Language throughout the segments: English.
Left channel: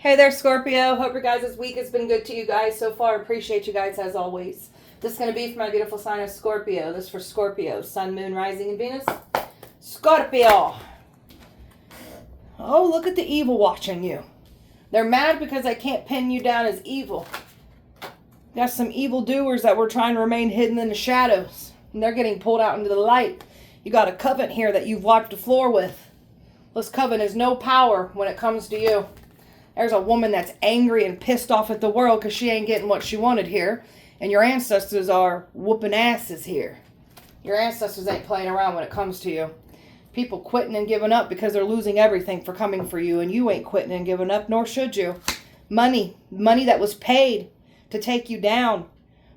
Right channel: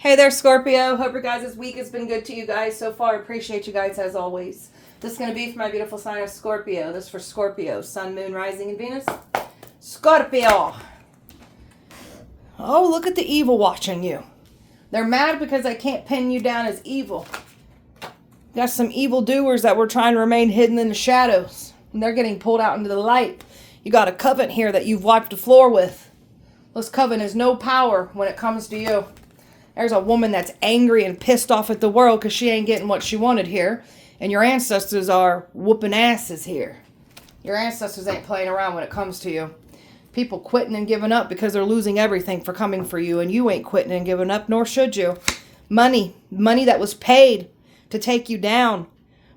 Hey there, Scorpio. Hope your guys' week has been good to you guys so far. Appreciate you guys as always. This is going to be for my beautiful sign of Scorpio. This is for Scorpio. Sun, Moon, Rising, and Venus. Scorpio. Oh, look at the evil watching you. They're mad because I can't pin you down as evil. You got some evil doers that were trying to remain hidden in the shadows. And they're getting pulled out into the light. You got a coven here that you've wiped the floor with. This coven has no power when it comes to you. There's a woman that's angry and pissed off at the world because she ain't getting what she wanted here. And your ancestors are whooping asses here. Your ancestors ain't playing around when it comes to you. People quitting and giving up because they're losing everything for coming for you. And you ain't quitting and giving up, nor should you. Money that was paid to take you down.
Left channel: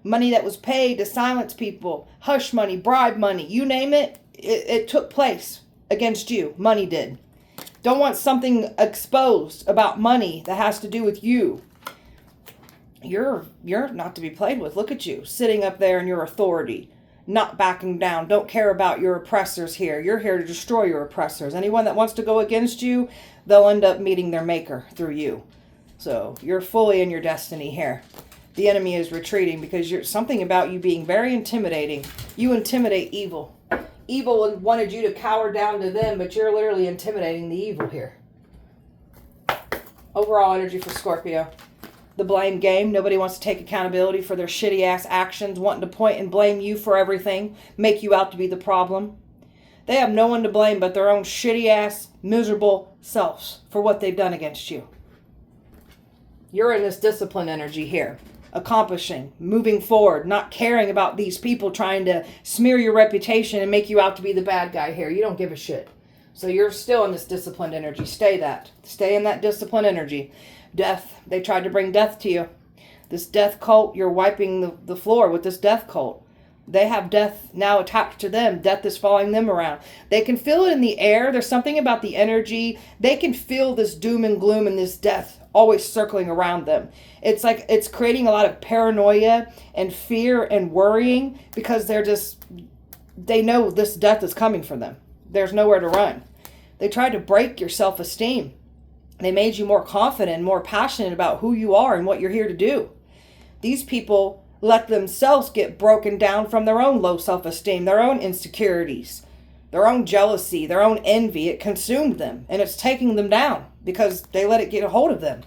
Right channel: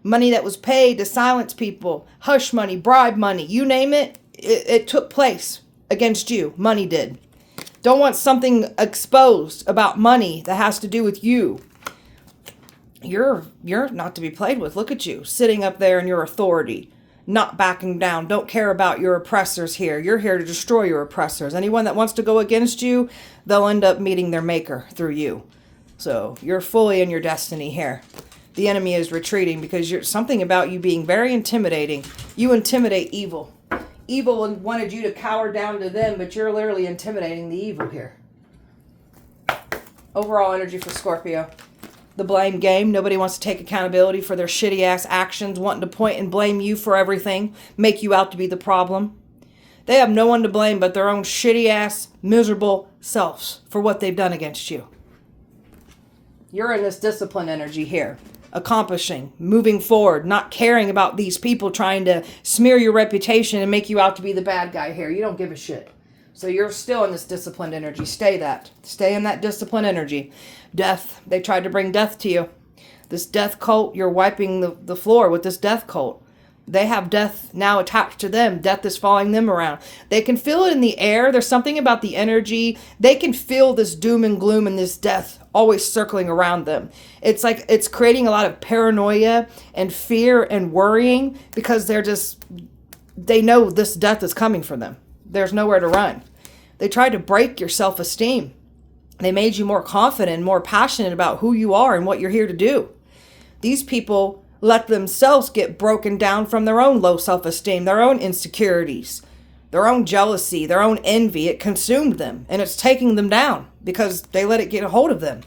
Money that was paid to silence people. Hush money, bribe money, you name it. It took place against you. Money did. Don't want something exposed about money that has to do with you. You're not to be played with. Look at you, sitting up there in your authority, not backing down. Don't care about your oppressors here. You're here to destroy your oppressors. Anyone that wants to go against you, they'll end up meeting their maker through you. So you're fully in your destiny here. The enemy is retreating because you're something about you being very intimidating. You intimidate evil. Evil wanted you to cower down to them, but you're literally intimidating the evil here. Overall energy for Scorpio. The blame game. Nobody wants to take accountability for their shitty ass actions, wanting to point and blame you for everything, make you out to be the problem. They have no one to blame but their own shitty ass, miserable selves for what they've done against you. You're in this discipline energy here. Accomplishing, moving forward, not caring about these people trying to smear your reputation and make you out to be the bad guy here. You don't give a shit. So you're still in this disciplined energy. Stay in that disciplined energy. Death. They tried to bring death to you. This death cult, you're wiping the floor with this death cult. They have death now attached to them. Death is following them around. They can feel it in the air. There's something about the energy. They can feel this doom and gloom and this death always circling around them. It's like it's creating a lot of paranoia and fear and worrying because they know this death is coming for them. There's nowhere to run. They tried to break your self-esteem. They made you more confident and more passionate about who you are and what you're here to do. These people let themselves get broken down from their own low self-esteem, their own insecurities, their own jealousy, their own envy. It consumed them and it's taking them down because they let it get a hold of them.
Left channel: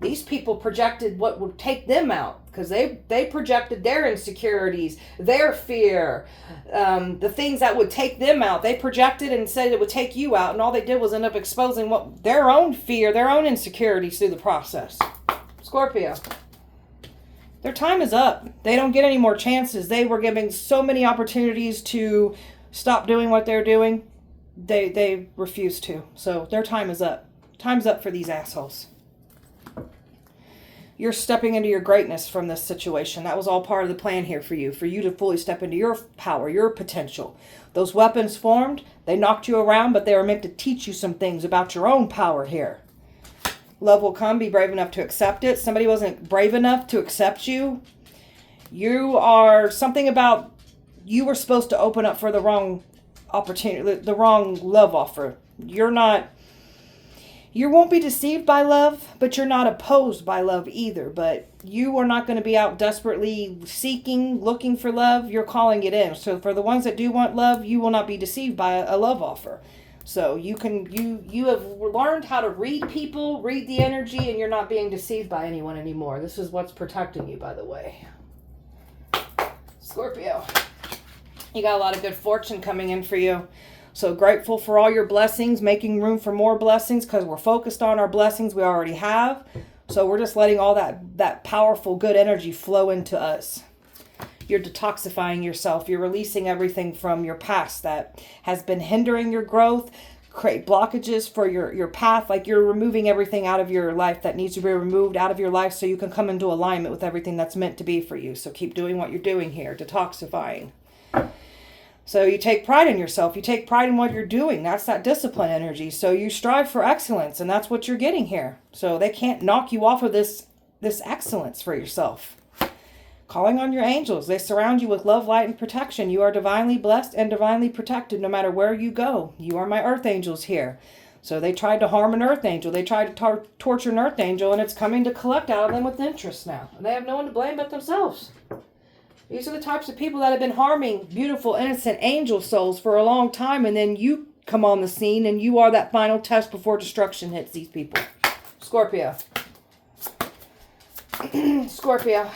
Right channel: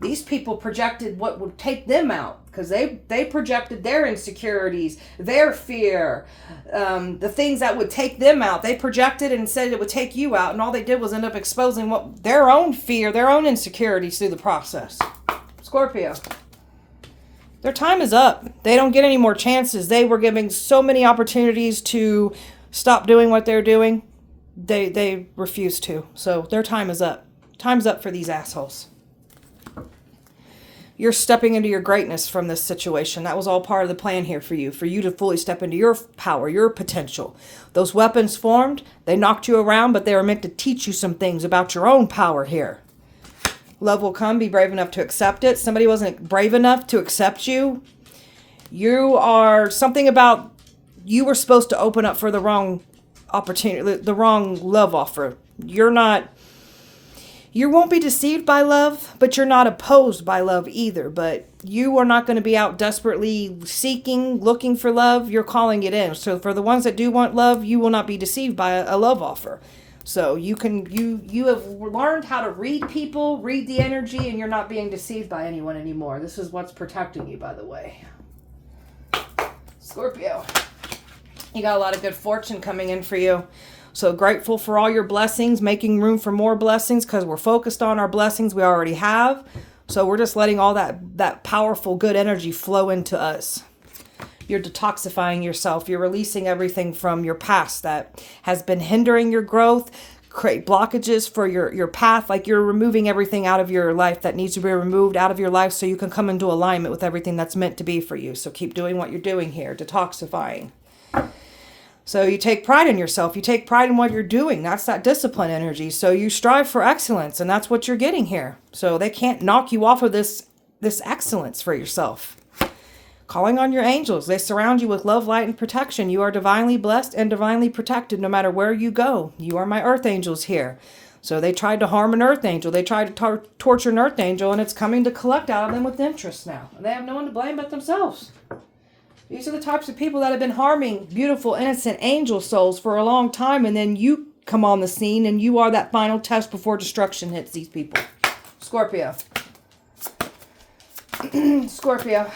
These people projected what would take them out because they projected their insecurities, their fear, the things that would take them out. They projected and said it would take you out, and all they did was end up exposing their own fear, their own insecurities through the process. Scorpio. Their time is up. They don't get any more chances. They were giving so many opportunities to stop doing what they're doing. They refuse to. So their time is up. Time's up for these assholes. You're stepping into your greatness from this situation. That was all part of the plan here for you to fully step into your power, your potential. Those weapons formed, they knocked you around, but they were meant to teach you some things about your own power here. Love will come. Be brave enough to accept it. Somebody wasn't brave enough to accept you. You are something about you were supposed to open up for the wrong opportunity, the wrong love offer. You won't be deceived by love, but you're not opposed by love either. But you are not going to be out desperately seeking, looking for love. You're calling it in. So for the ones that do want love, you will not be deceived by a love offer. So you have learned how to read people, read the energy, and you're not being deceived by anyone anymore. This is what's protecting you, by the way. Scorpio. You got a lot of good fortune coming in for you. So grateful for all your blessings, making room for more blessings because we're focused on our blessings we already have. So we're just letting all that powerful, good energy flow into us. You're detoxifying yourself. You're releasing everything from your past that has been hindering your growth, create blockages for your path. Like you're removing everything out of your life that needs to be removed out of your life so you can come into alignment with everything that's meant to be for you. So keep doing what you're doing here, detoxifying. So you take pride in yourself. You take pride in what you're doing. That's that discipline energy. So you strive for excellence, and that's what you're getting here. So they can't knock you off of this excellence for yourself. Calling on your angels. They surround you with love, light, and protection. You are divinely blessed and divinely protected no matter where you go. You are my earth angels here. So they tried to harm an earth angel. They tried to torture an earth angel, and it's coming to collect out of them with interest now. And they have no one to blame but themselves. These are the types of people that have been harming beautiful, innocent angel souls for a long time, and then you come on the scene, and you are that final test before destruction hits these people. Scorpio. Scorpio.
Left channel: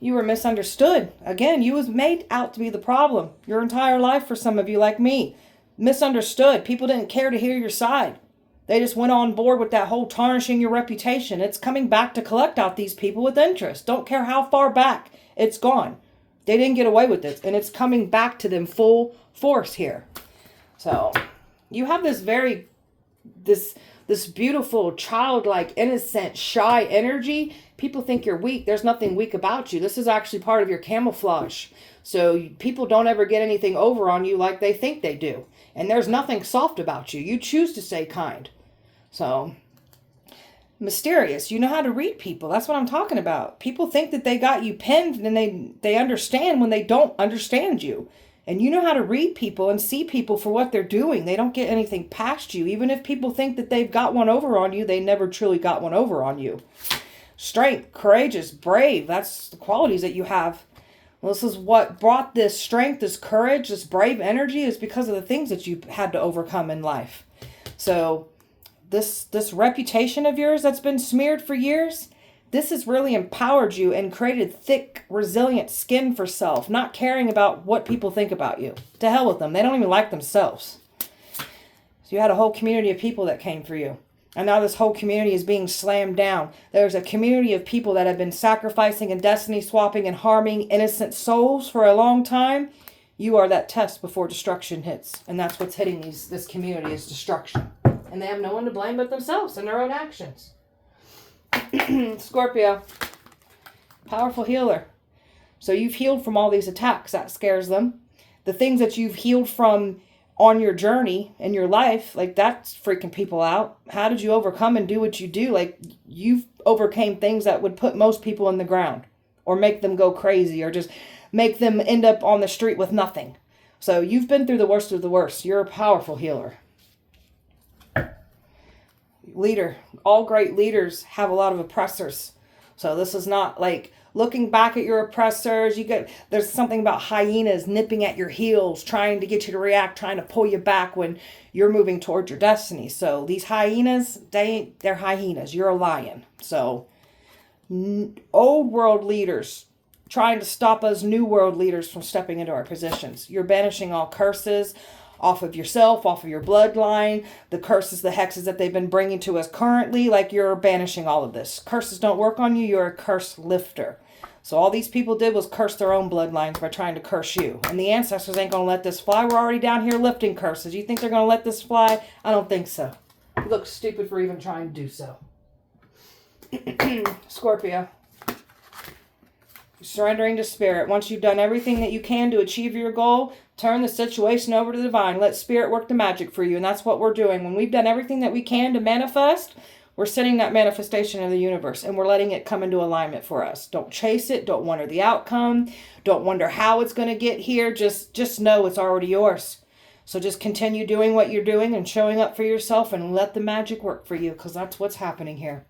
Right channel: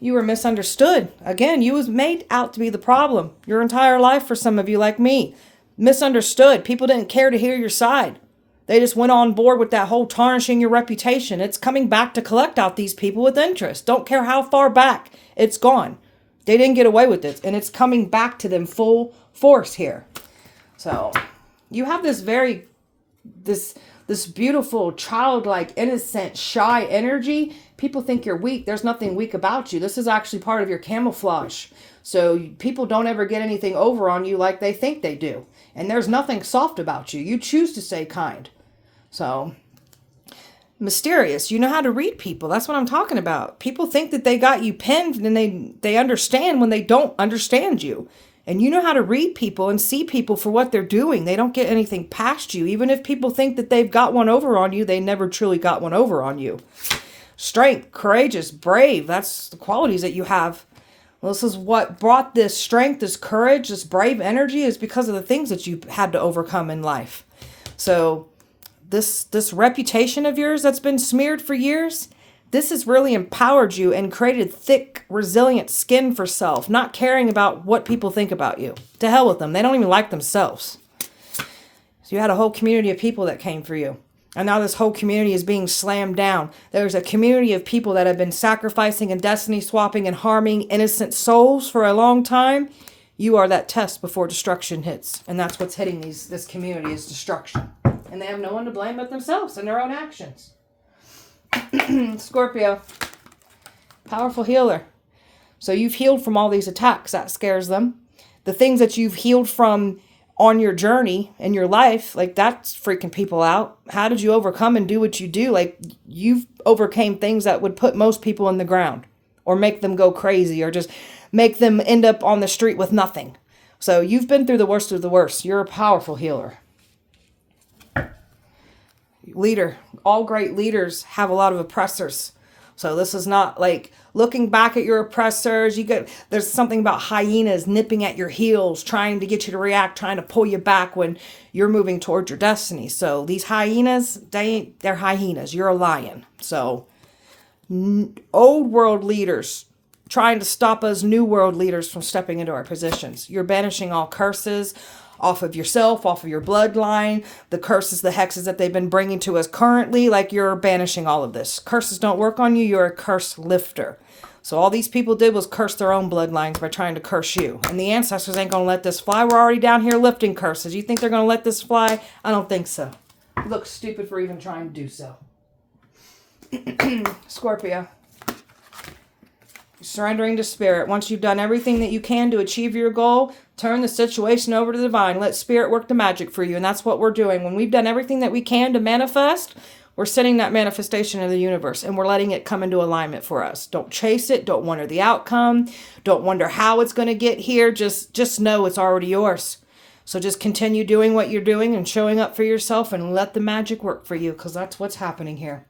You were misunderstood. Again, you was made out to be the problem. Your entire life, for some of you like me. Misunderstood. People didn't care to hear your side. They just went on board with that whole tarnishing your reputation. It's coming back to collect out these people with interest. Don't care how far back. It's gone. They didn't get away with it. And it's coming back to them full force here. So you have this this beautiful, childlike, innocent, shy energy. People think you're weak. There's nothing weak about you. This is actually part of your camouflage. So people don't ever get anything over on you like they think they do. And there's nothing soft about you. You choose to stay kind. So, mysterious. You know how to read people. That's what I'm talking about. People think that they got you pinned and they understand when they don't understand you. And you know how to read people and see people for what they're doing. They don't get anything past you. Even if people think that they've got one over on you, they never truly got one over on you. Strength, courageous, brave. That's the qualities that you have. Well, this is what brought this strength, this courage, this brave energy is because of the things that you had to overcome in life. So this reputation of yours that's been smeared for years, this has really empowered you and created thick, resilient skin for self, not caring about what people think about you. To hell with them. They don't even like themselves. So you had a whole community of people that came for you. And now this whole community is being slammed down. There's a community of people that have been sacrificing and destiny swapping and harming innocent souls for a long time. You are that test before destruction hits. And that's what's hitting this community is destruction. And they have no one to blame but themselves and their own actions. Scorpio. Powerful healer. So you've healed from all these attacks. That scares them. The things that you've healed from on your journey in your life, like that's freaking people out. How did you overcome and do what you do? Like you've overcame things that would put most people in the ground or make them go crazy or just make them end up on the street with nothing. So you've been through the worst of the worst. You're a powerful healer. Leader. All great leaders have a lot of oppressors. So this is not like looking back at your oppressors. There's something about hyenas nipping at your heels, trying to get you to react, trying to pull you back when you're moving towards your destiny. So these hyenas, they're hyenas. You're a lion. So old world leaders trying to stop us new world leaders from stepping into our positions. You're banishing all curses off of yourself, off of your bloodline, the curses, the hexes that they've been bringing to us currently, like you're banishing all of this. Curses don't work on you. You're a curse lifter. So all these people did was curse their own bloodlines by trying to curse you. And the ancestors ain't going to let this fly. We're already down here lifting curses. You think they're going to let this fly? I don't think so. You look stupid for even trying to do so. Scorpio. Surrendering to spirit. Once you've done everything that you can to achieve your goal, turn the situation over to the divine. Let spirit work the magic for you. And that's what we're doing. When we've done everything that we can to manifest, we're sending that manifestation in the universe and we're letting it come into alignment for us. Don't chase it. Don't wonder the outcome. Don't wonder how it's going to get here. Just know it's already yours. So just continue doing what you're doing and showing up for yourself and let the magic work for you, because that's what's happening here.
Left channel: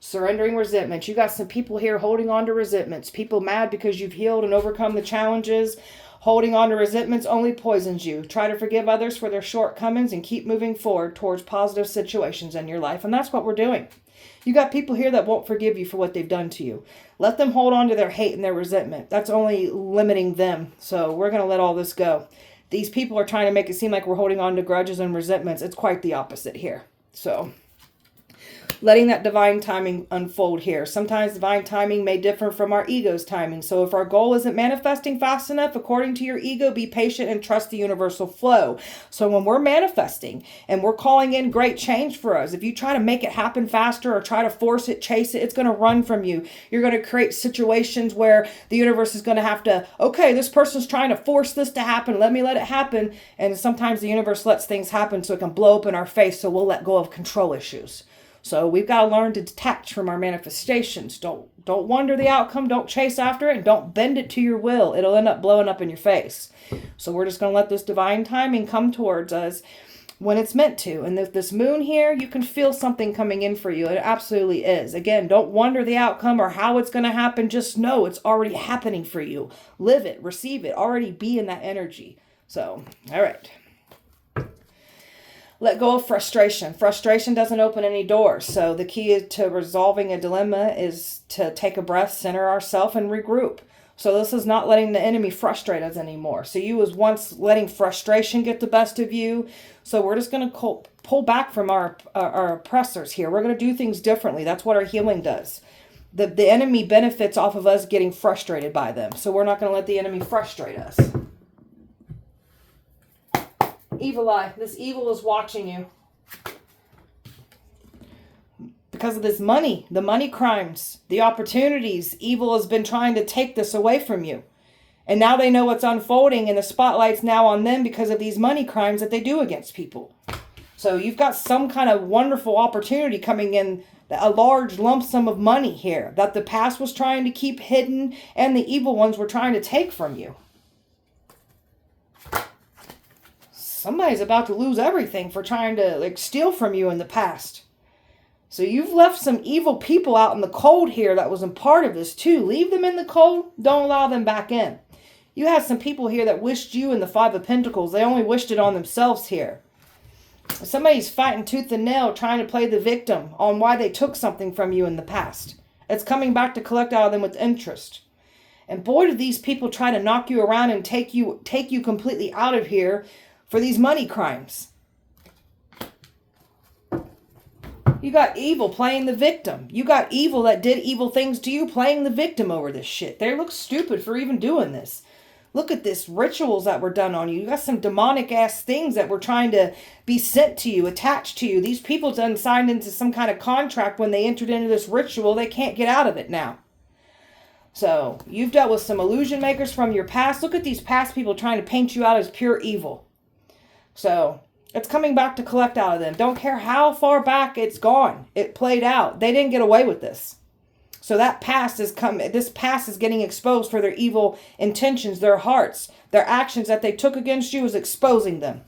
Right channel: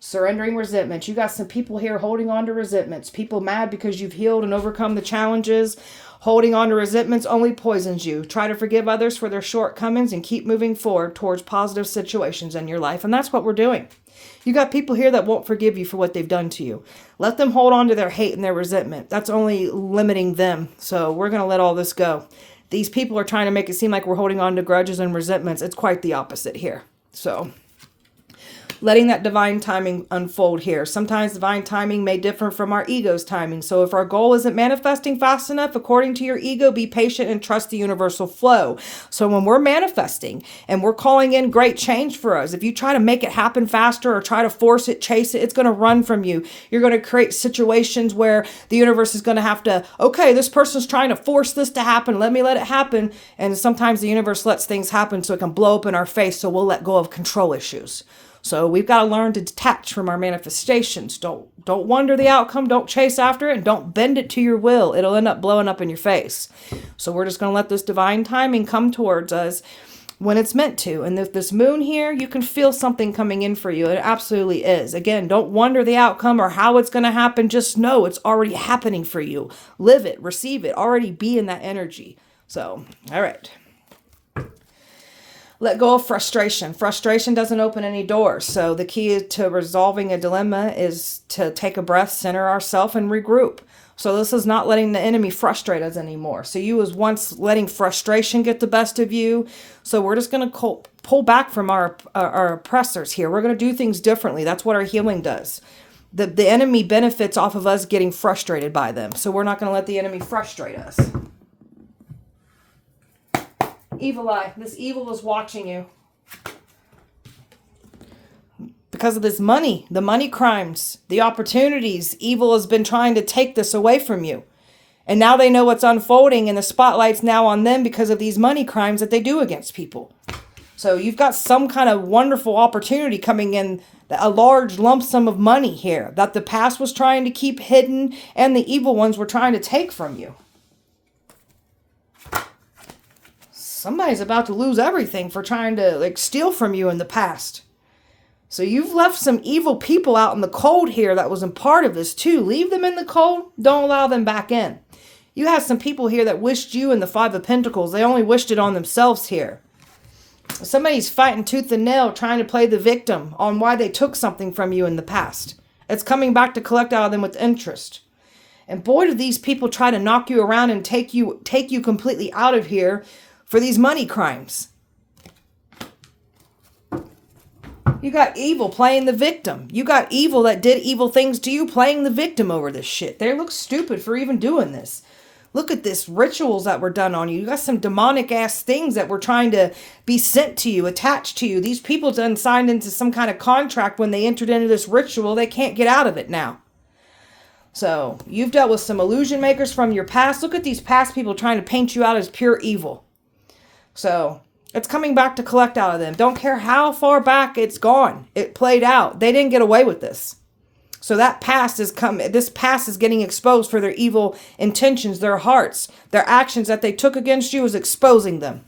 Surrendering resentments. You got some people here holding on to resentments. People mad because you've healed and overcome the challenges. Holding on to resentments only poisons you. Try to forgive others for their shortcomings and keep moving forward towards positive situations in your life. And that's what we're doing. You got people here that won't forgive you for what they've done to you. Let them hold on to their hate and their resentment. That's only limiting them. So we're going to let all this go. These people are trying to make it seem like we're holding on to grudges and resentments. It's quite the opposite here. So letting that divine timing unfold here. Sometimes divine timing may differ from our ego's timing. So if our goal isn't manifesting fast enough, according to your ego, be patient and trust the universal flow. So when we're manifesting and we're calling in great change for us, if you try to make it happen faster or try to force it, chase it, it's going to run from you. You're going to create situations where the universe is going to have to, okay, this person's trying to force this to happen. Let me let it happen. And sometimes the universe lets things happen so it can blow up in our face. So we'll let go of control issues. So we've got to learn to detach from our manifestations. Don't wonder the outcome. Don't chase after it. And don't bend it to your will. It'll end up blowing up in your face. So we're just going to let this divine timing come towards us. when it's meant to. And this moon here, you can feel something coming in for you. It absolutely is. Again, don't wonder the outcome or how it's going to happen. Just know it's already happening for you. Live it, receive it, already be in that energy. So, all right. Let go of frustration. Frustration doesn't open any doors. So the key to resolving a dilemma is to take a breath, center ourselves, and regroup. So this is not letting the enemy frustrate us anymore. So you was once letting frustration get the best of you. So we're just going to pull back from our oppressors here. We're going to do things differently. That's what our healing does. The enemy benefits off of us getting frustrated by them. So we're not going to let the enemy frustrate us. Evil eye. This evil is watching you. Because of this money, the money crimes, the opportunities, evil has been trying to take this away from you. And now they know what's unfolding and the spotlight's now on them because of these money crimes that they do against people. So you've got some kind of wonderful opportunity coming in, a large lump sum of money here that the past was trying to keep hidden and the evil ones were trying to take from you. Somebody's about to lose everything for trying to steal from you in the past. So you've left some evil people out in the cold here that wasn't part of this too. Leave them in the cold. Don't allow them back in. You have some people here that wished you in the Five of Pentacles. They only wished it on themselves here. Somebody's fighting tooth and nail trying to play the victim on why they took something from you in the past. It's coming back to collect out of them with interest. And boy, do these people try to knock you around and take you completely out of here for these money crimes. You got evil playing the victim. You got evil that did evil things to you playing the victim over this shit. They look stupid for even doing this. Look at this rituals that were done on you. You got some demonic ass things that were trying to be sent to you, attached to you. These people done signed into some kind of contract when they entered into this ritual. They can't get out of it now. So you've dealt with some illusion makers from your past. Look at these past people trying to paint you out as pure evil. So it's coming back to collect out of them. Don't care how far back it's gone. It played out. They didn't get away with this. So that past is this past is getting exposed for their evil intentions, their hearts, their actions that they took against you is exposing them.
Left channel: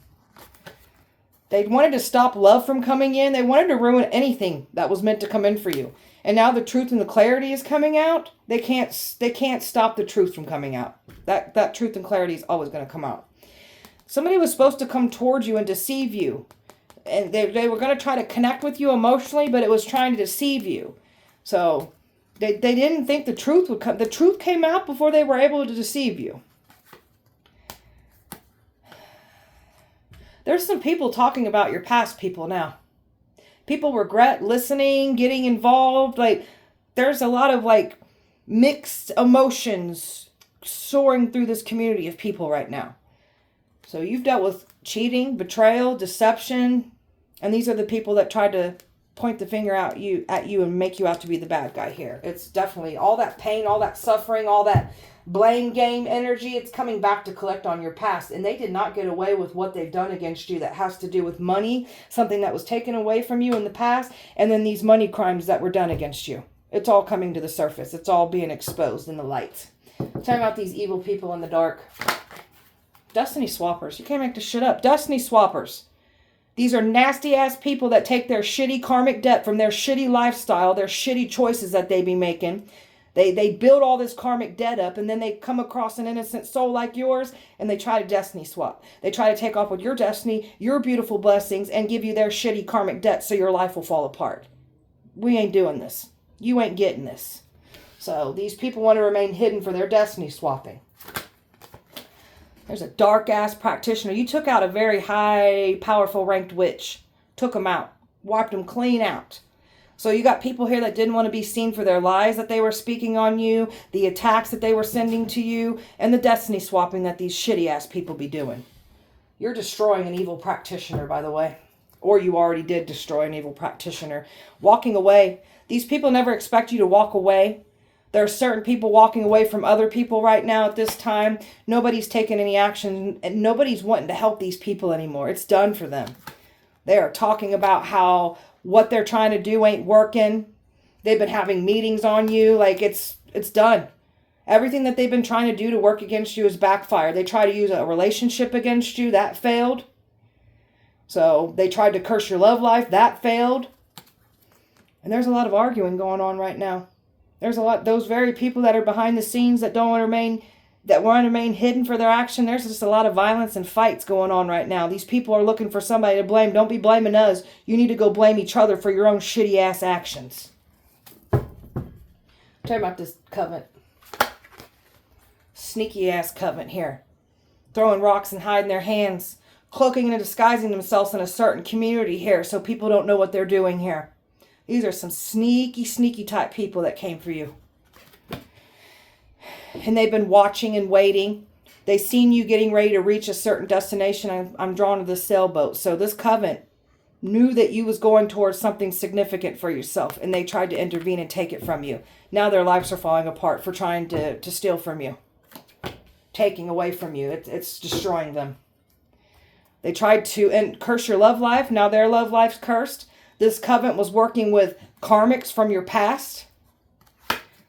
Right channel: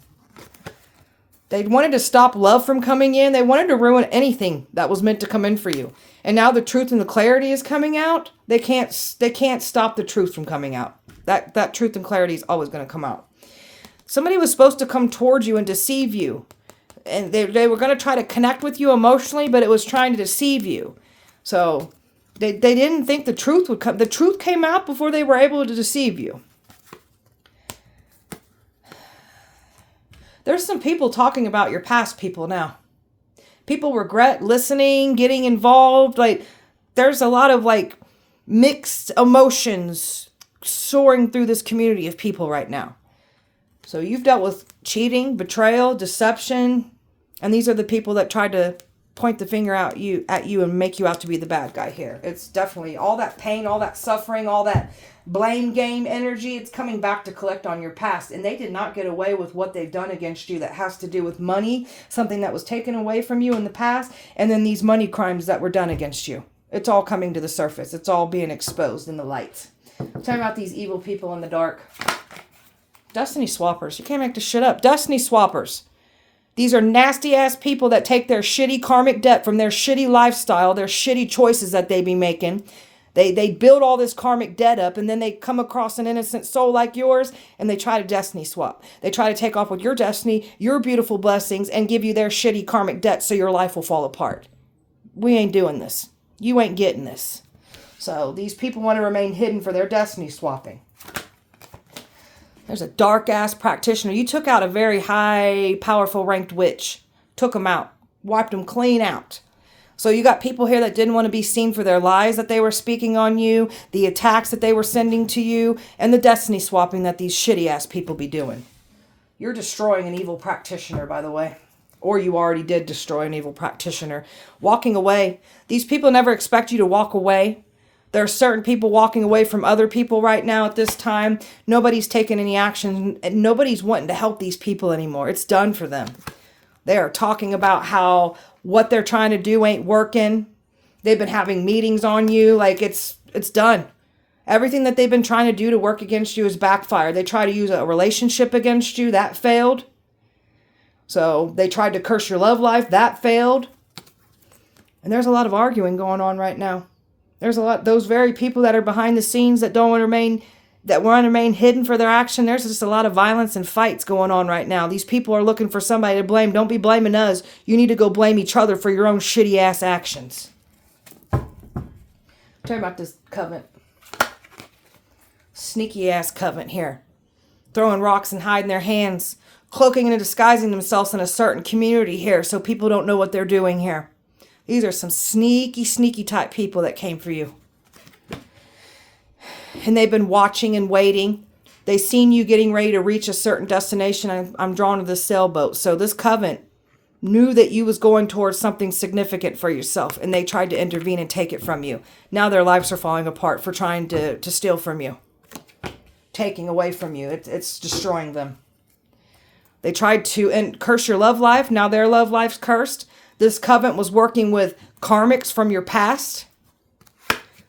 They wanted to stop love from coming in. They wanted to ruin anything that was meant to come in for you. And now the truth and the clarity is coming out. They can't stop the truth from coming out. That truth and clarity is always going to come out. Somebody was supposed to come towards you and deceive you. And they were going to try to connect with you emotionally, but it was trying to deceive you. So they didn't think the truth would come. The truth came out before they were able to deceive you. There's some people talking about your past people now. People regret listening, getting involved. There's a lot of mixed emotions soaring through this community of people right now. So you've dealt with cheating, betrayal, deception, and these are the people that tried to point the finger at you and make you out to be the bad guy here. It's definitely all that pain, all that suffering, all that blame game energy. It's coming back to collect on your past, and they did not get away with what they've done against you that has to do with money, something that was taken away from you in the past, and then these money crimes that were done against you. It's all coming to the surface. It's all being exposed in the light. Talking about these evil people in the dark. Destiny swappers. You can't make this shit up. Destiny swappers. These are nasty ass people that take their shitty karmic debt from their shitty lifestyle, their shitty choices that they be making. They build all this karmic debt up, and then they come across an innocent soul like yours and they try to destiny swap. They try to take off with your destiny, your beautiful blessings, and give you their shitty karmic debt so your life will fall apart. We ain't doing this. You ain't getting this. So these people want to remain hidden for their destiny swapping. There's a dark-ass practitioner. You took out a very high, powerful, ranked witch. Took them out. Wiped them clean out. So you got people here that didn't want to be seen for their lies that they were speaking on you, the attacks that they were sending to you, and the destiny swapping that these shitty-ass people be doing. You're destroying an evil practitioner, by the way. Or you already did destroy an evil practitioner. Walking away. These people never expect you to walk away. There are certain people walking away from other people right now at this time. Nobody's taking any action. And nobody's wanting to help these people anymore. It's done for them. They are talking about how what they're trying to do ain't working. They've been having meetings on you. It's done. Everything that they've been trying to do to work against you is backfired. They try to use a relationship against you. That failed. So they tried to curse your love life. That failed. And there's a lot of arguing going on right now. There's a lot, those very people that are behind the scenes that want to remain hidden for their action. There's just a lot of violence and fights going on right now. These people are looking for somebody to blame. Don't be blaming us. You need to go blame each other for your own shitty ass actions. Talking about this covenant. Sneaky ass covenant here. Throwing rocks and hiding their hands. Cloaking and disguising themselves in a certain community here so people don't know what they're doing here. These are some sneaky, sneaky type people that came for you. And they've been watching and waiting. They seen you getting ready to reach a certain destination. I'm drawn to the sailboat. So this covenant knew that you was going towards something significant for yourself. And they tried to intervene and take it from you. Now their lives are falling apart for trying to steal from you. Taking away from you. It's destroying them. They tried to curse your love life. Now their love life's cursed. This covenant was working with karmics from your past.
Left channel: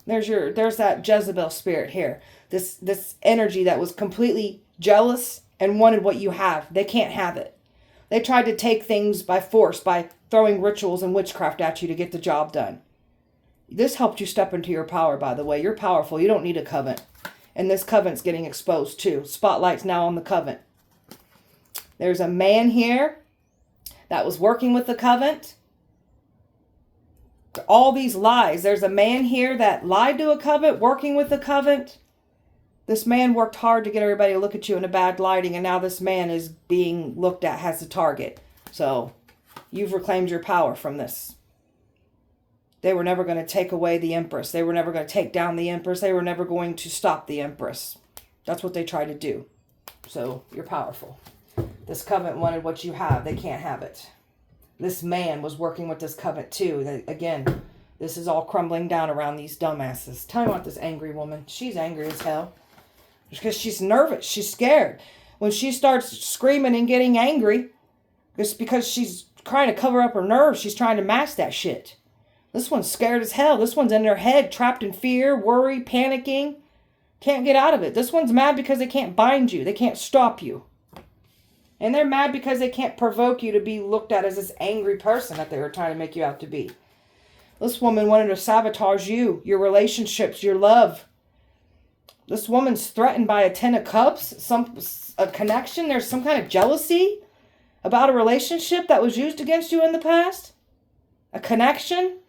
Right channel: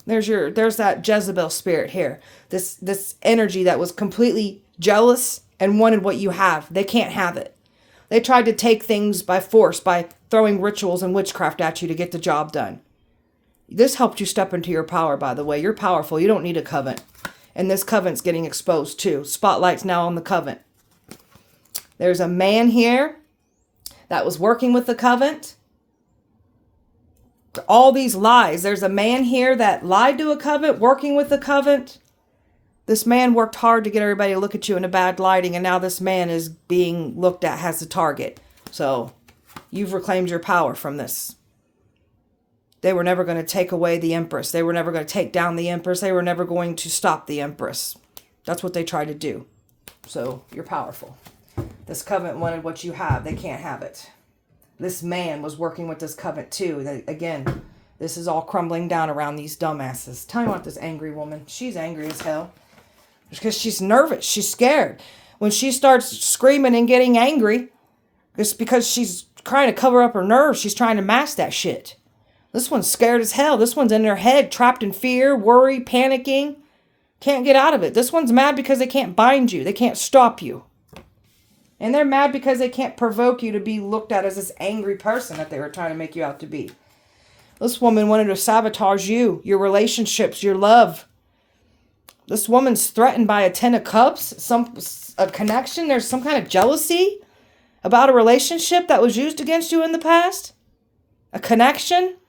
There's that Jezebel spirit here. This energy that was completely jealous and wanted what you have. They can't have it. They tried to take things by force by throwing rituals and witchcraft at you to get the job done. This helped you step into your power, by the way. You're powerful. You don't need a covenant. And this covenant's getting exposed too. Spotlight's now on the covenant. There's a man here that was working with the covenant. All these lies. There's a man here that lied to a covenant, working with the covenant. This man worked hard to get everybody to look at you in a bad lighting, and now this man is being looked at as a target. So you've reclaimed your power from this. They were never going to take away the Empress. They were never going to take down the Empress. They were never going to stop the Empress. That's what they tried to do. So you're powerful. This covenant wanted what you have. They can't have it. This man was working with this covenant too. Again, this is all crumbling down around these dumbasses. Tell me about this angry woman. She's angry as hell. Because she's nervous. She's scared. When she starts screaming and getting angry, it's because she's trying to cover up her nerves. She's trying to mask that shit. This one's scared as hell. This one's in her head, trapped in fear, worry, panicking. Can't get out of it. This one's mad because they can't bind you. They can't stop you. And they're mad because they can't provoke you to be looked at as this angry person that they were trying to make you out to be. This woman wanted to sabotage you, your relationships, your love. This woman's threatened by a 10 of cups, a connection. There's some kind of jealousy about a relationship that was used against you in the past. A connection.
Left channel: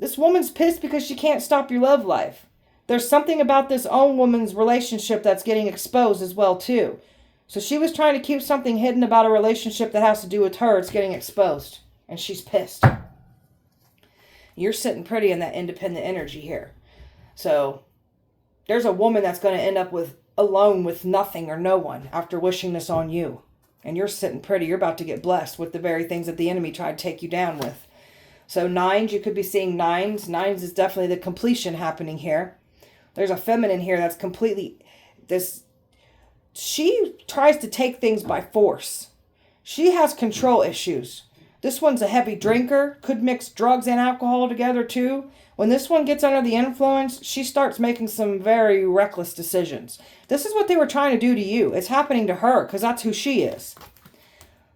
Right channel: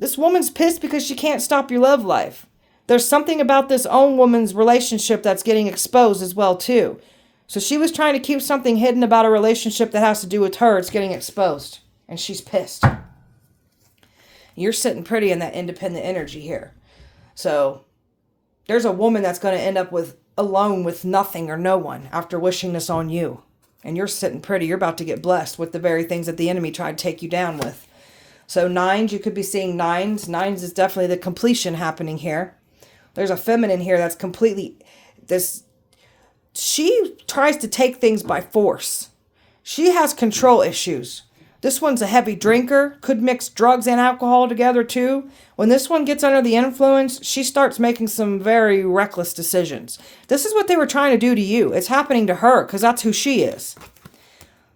This woman's pissed because she can't stop your love life. There's something about this own woman's relationship that's getting exposed as well too. So she was trying to keep something hidden about a relationship that has to do with her. It's getting exposed. And she's pissed. You're sitting pretty in that independent energy here. So there's a woman that's going to end up alone with nothing or no one after wishing this on you. And you're sitting pretty. You're about to get blessed with the very things that the enemy tried to take you down with. So nines, you could be seeing nines. Nines is definitely the completion happening here. There's a feminine here that's completely... She tries to take things by force. She has control issues. This one's a heavy drinker, could mix drugs and alcohol together too. When this one gets under the influence, she starts making some very reckless decisions. This is what they were trying to do to you. It's happening to her because that's who she is.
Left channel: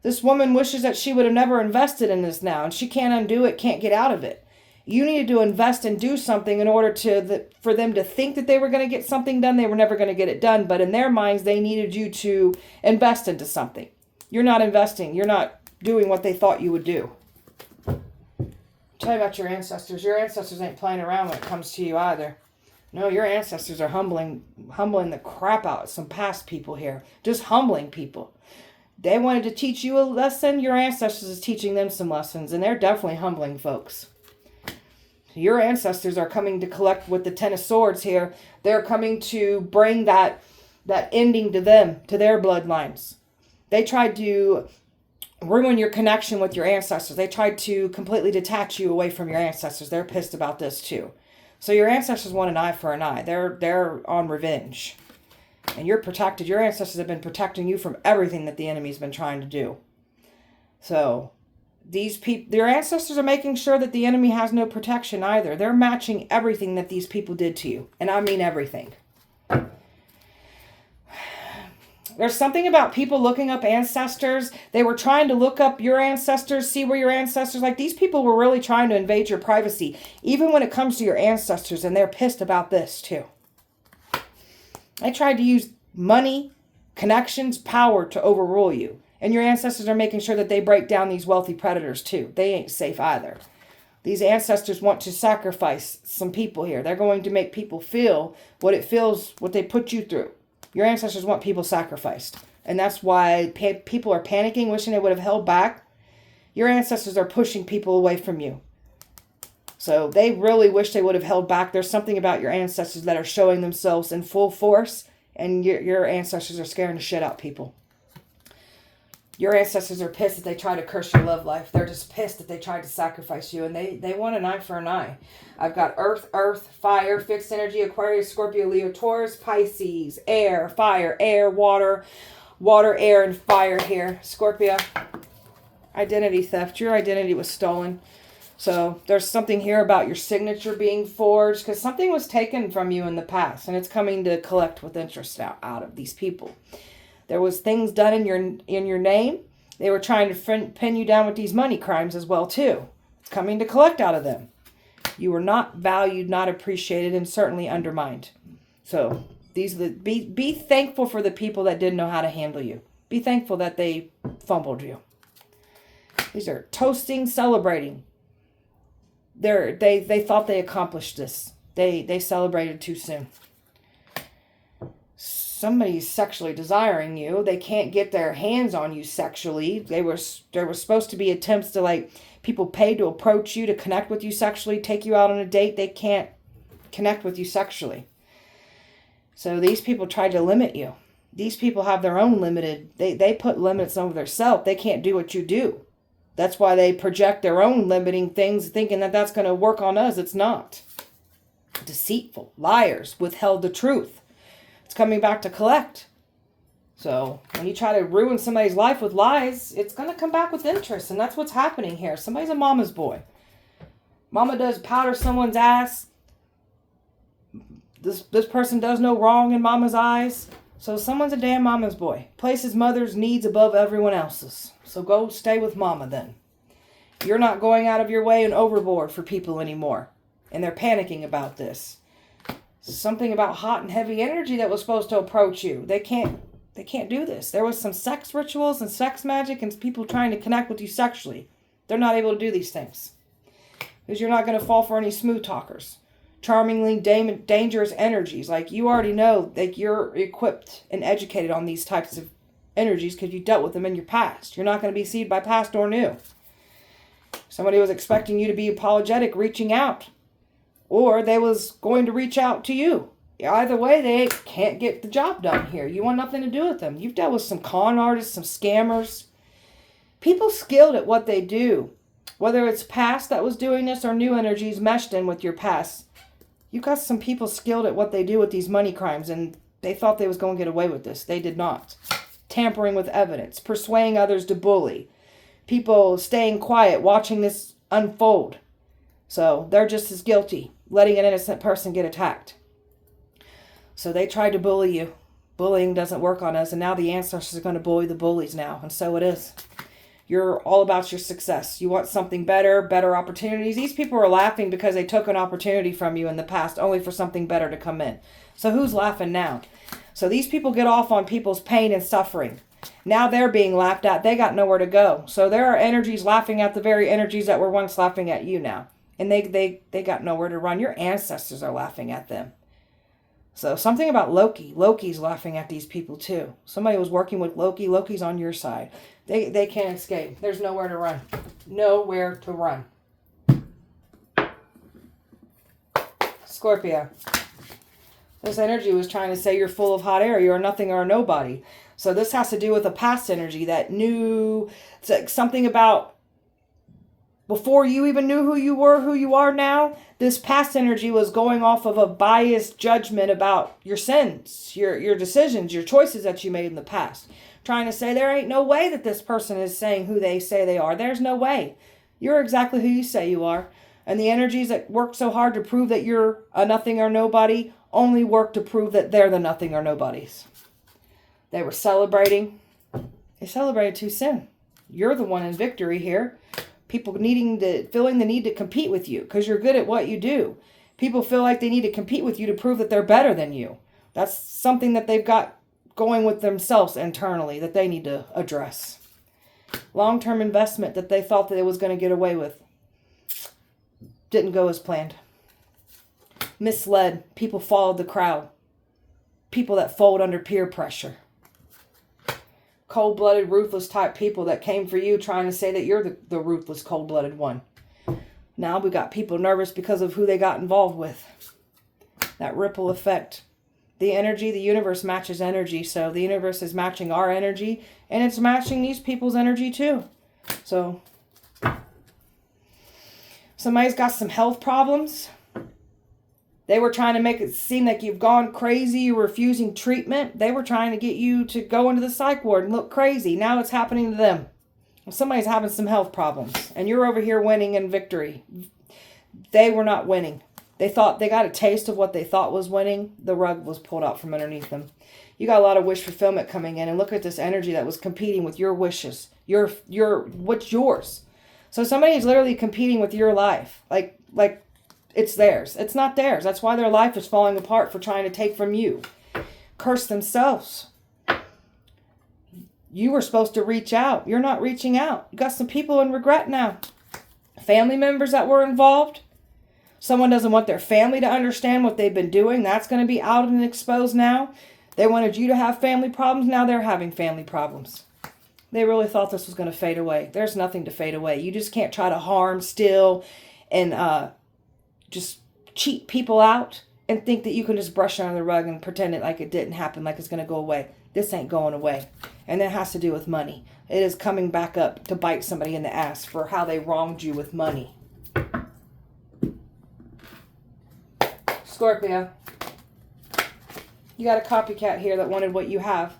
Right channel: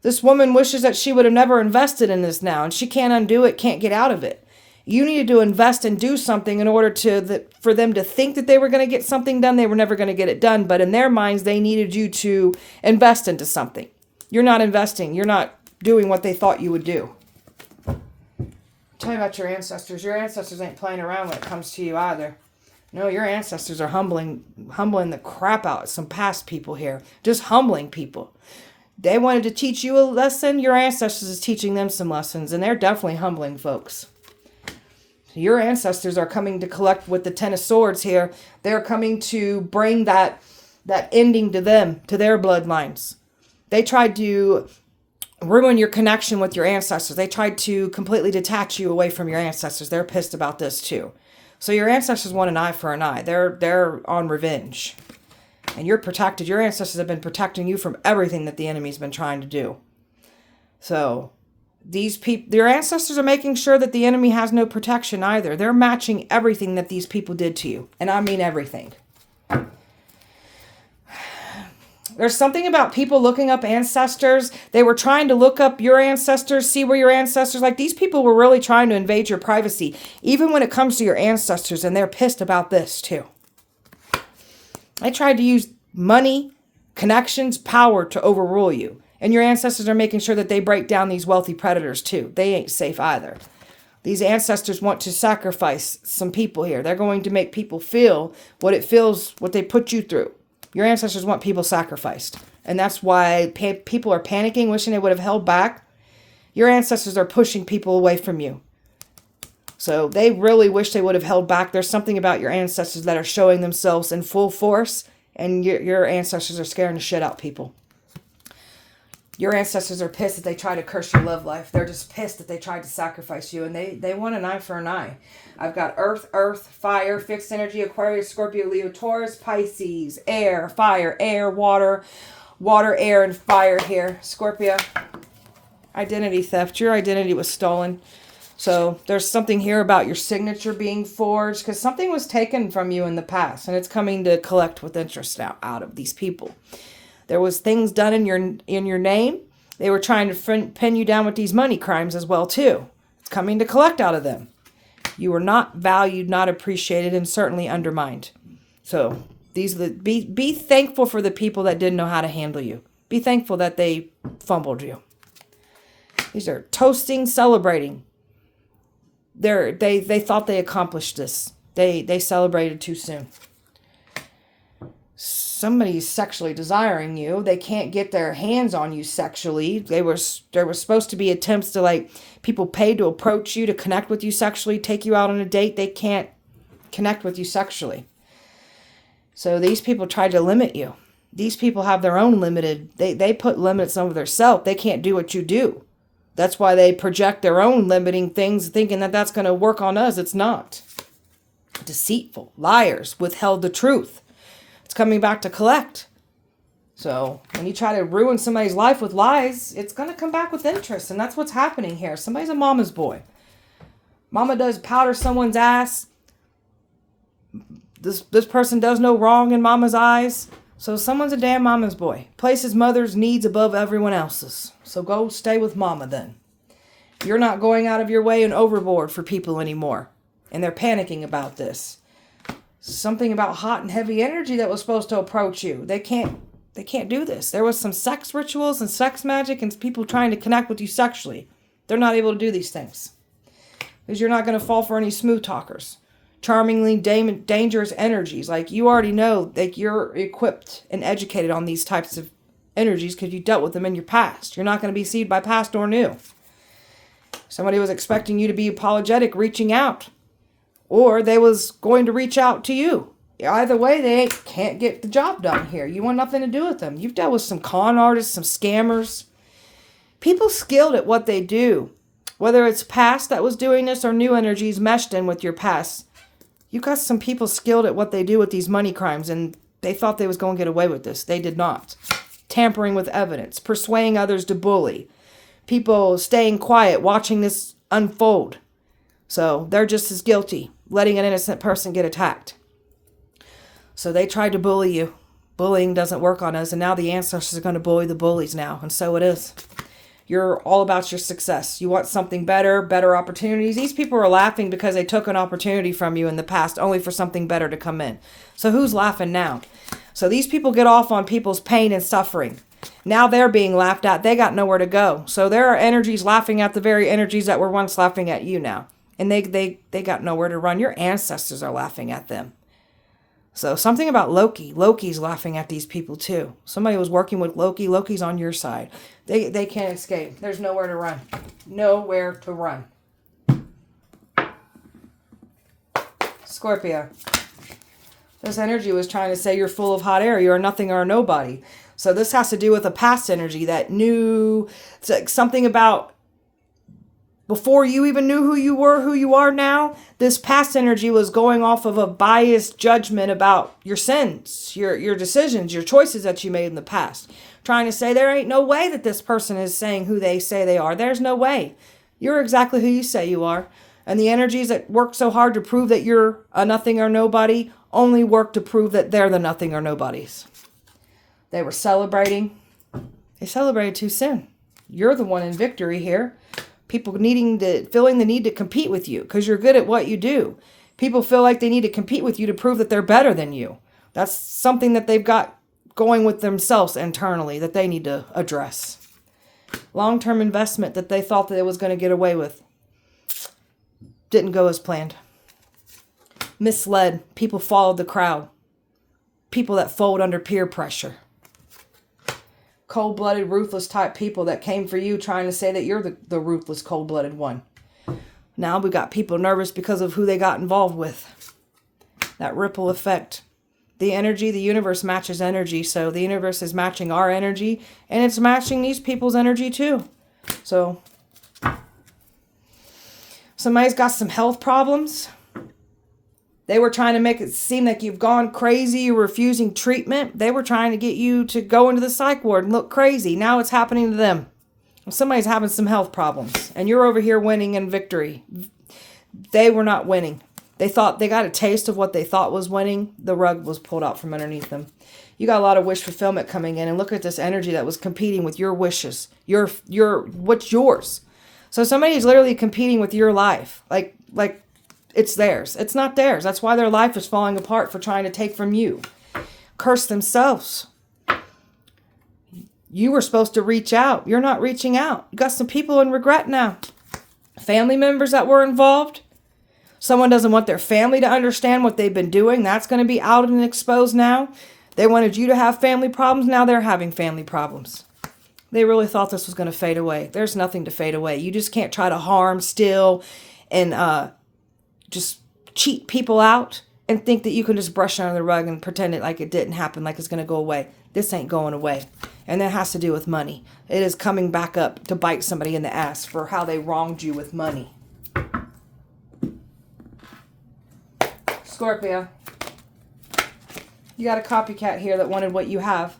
This woman wishes that she would have never invested in this now, and she can't undo it, can't get out of it. You needed to invest and do something in order for them to think that they were going to get something done. They were never going to get it done. But in their minds, they needed you to invest into something. You're not investing. You're not doing what they thought you would do. Tell me about your ancestors. Your ancestors ain't playing around when it comes to you either. No, your ancestors are humbling the crap out of some past people here. Just humbling people. They wanted to teach you a lesson. Your ancestors is teaching them some lessons. And they're definitely humbling folks. Your ancestors are coming to collect with the 10 of swords here. They're coming to bring that ending to them, to their bloodlines. They tried to ruin your connection with your ancestors. They tried to completely detach you away from your ancestors. They're pissed about this too. So your ancestors want an eye for an eye. They're on revenge. And you're protected. Your ancestors have been protecting you from everything that the enemy's been trying to do. So these people, their ancestors are making sure that the enemy has no protection either. They're matching everything that these people did to you. And I mean everything. There's something about people looking up ancestors. They were trying to look up your ancestors, see where your ancestors, like these people were really trying to invade your privacy, even when it comes to your ancestors, and they're pissed about this too. They tried to use money, connections, power to overrule you. And your ancestors are making sure that they break down these wealthy predators too. They ain't safe either. These ancestors want to sacrifice some people here. They're going to make people feel what it feels, what they put you through. Your ancestors want people sacrificed. And that's why people are panicking, wishing they would have held back. Your ancestors are pushing people away from you. So they really wish they would have held back. There's something about your ancestors that are showing themselves in full force. And your ancestors are scaring the shit out people. Your ancestors are pissed that they tried to curse your love life. They're just pissed that they tried to sacrifice you. And they want an eye for an eye. I've got earth, fire, fixed energy, Aquarius, Scorpio, Leo, Taurus, Pisces, air, fire, air, water, air, and fire here. Scorpio, identity theft. Your identity was stolen. So there's something here about your signature being forged because something was taken from you in the past. And it's coming to collect with interest now out of these people. There was things done in your name. They were trying to pin you down with these money crimes as well, too. It's coming to collect out of them. You were not valued, not appreciated, and certainly undermined. So be thankful for the people that didn't know how to handle you. Be thankful that they fumbled you. These are toasting, celebrating. They thought they accomplished this. They celebrated too soon. Somebody's sexually desiring you. They can't get their hands on you sexually. There were supposed to be attempts to, like, people paid to approach you, to connect with you sexually, take you out on a date. They can't connect with you sexually. So these people tried to limit you. These people have their own limited, they put limits over themselves. They can't do what you do. That's why they project their own limiting things, thinking that that's going to work on us. It's not. Deceitful, liars, withheld the truth. It's coming back to collect. So when you try to ruin somebody's life with lies, it's going to come back with interest. And that's what's happening here. Somebody's a mama's boy. Mama does powder someone's ass. This person does no wrong in mama's eyes. So someone's a damn mama's boy. Places mother's needs above everyone else's. So go stay with mama then. You're not going out of your way and overboard for people anymore. And they're panicking about this. Something about hot and heavy energy that was supposed to approach you. They can't do this. There was some sex rituals and sex magic and people trying to connect with you sexually. They're not able to do these things. Because you're not going to fall for any smooth talkers. Charmingly dangerous energies. Like, you already know that you're equipped and educated on these types of energies because you dealt with them in your past. You're not going to be deceived by past or new. Somebody was expecting you to be apologetic, reaching out. Or they was going to reach out to you. Either way, they can't get the job done here. You want nothing to do with them. You've dealt with some con artists, some scammers. People skilled at what they do. Whether it's past that was doing this or new energies meshed in with your past. You got some people skilled at what they do with these money crimes, and they thought they was going to get away with this. They did not. Tampering with evidence. Persuading others to bully. People staying quiet, watching this unfold. So they're just as guilty, letting an innocent person get attacked. So they tried to bully you. Bullying doesn't work on us, and now the ancestors are going to bully the bullies now, and so it is. You're all about your success. You want something better, better opportunities. These people are laughing because they took an opportunity from you in the past, only for something better to come in. So who's laughing now? So these people get off on people's pain and suffering. Now they're being laughed at. They got nowhere to go. So there are energies laughing at the very energies that were once laughing at you now. And they got nowhere to run. Your ancestors are laughing at them. So something about Loki. Loki's laughing at these people too. Somebody was working with Loki. Loki's on your side. They can't escape. There's nowhere to run. Nowhere to run. Scorpio. This energy was trying to say you're full of hot air. You're a nothing or a nobody. So this has to do with a past energy that knew something about before you even knew who you are now. This past energy was going off of a biased judgment about your sins, your decisions, your choices that you made in the past. Trying to say there ain't no way that this person is saying who they say they are. There's no way. You're exactly who you say you are. And the energies that work so hard to prove that you're a nothing or nobody only work to prove that they're the nothing or nobodies. They were celebrating. They celebrated too soon. You're the one in victory here. People feeling the need to compete with you because you're good at what you do. People feel like they need to compete with you to prove that they're better than you. That's something that they've got going with themselves internally that they need to address. Long-term investment that they thought that it was going to get away with. Didn't go as planned. Misled. People followed the crowd. People that fold under peer pressure. Cold-blooded, ruthless type people that came for you trying to say that you're the ruthless, cold-blooded one. Now we got people nervous because of who they got involved with. That ripple effect. The energy, the universe matches energy. So the universe is matching our energy. And it's matching these people's energy too. So somebody's got some health problems. They were trying to make it seem like you've gone crazy. You're refusing treatment. They were trying to get you to go into the psych ward and look crazy. Now it's happening to them. Somebody's having some health problems. And you're over here winning in victory. They were not winning. They thought they got a taste of what they thought was winning. The rug was pulled out from underneath them. You got a lot of wish fulfillment coming in. And look at this energy that was competing with your wishes. What's yours? So somebody's literally competing with your life. Like it's theirs. It's not theirs. That's why their life is falling apart for trying to take from you. Curse themselves. You were supposed to reach out. You're not reaching out. You got some people in regret now. Family members that were involved. Someone doesn't want their family to understand what they've been doing. That's going to be out and exposed now. They wanted you to have family problems. Now they're having family problems. They really thought this was going to fade away. There's nothing to fade away. You just can't try to harm, steal, and just cheat people out and think that you can just brush it under the rug and pretend it like it didn't happen, like it's going to go away. This ain't going away. And that has to do with money. It is coming back up to bite somebody in the ass for how they wronged you with money. Scorpio. You got a copycat here that wanted what you have.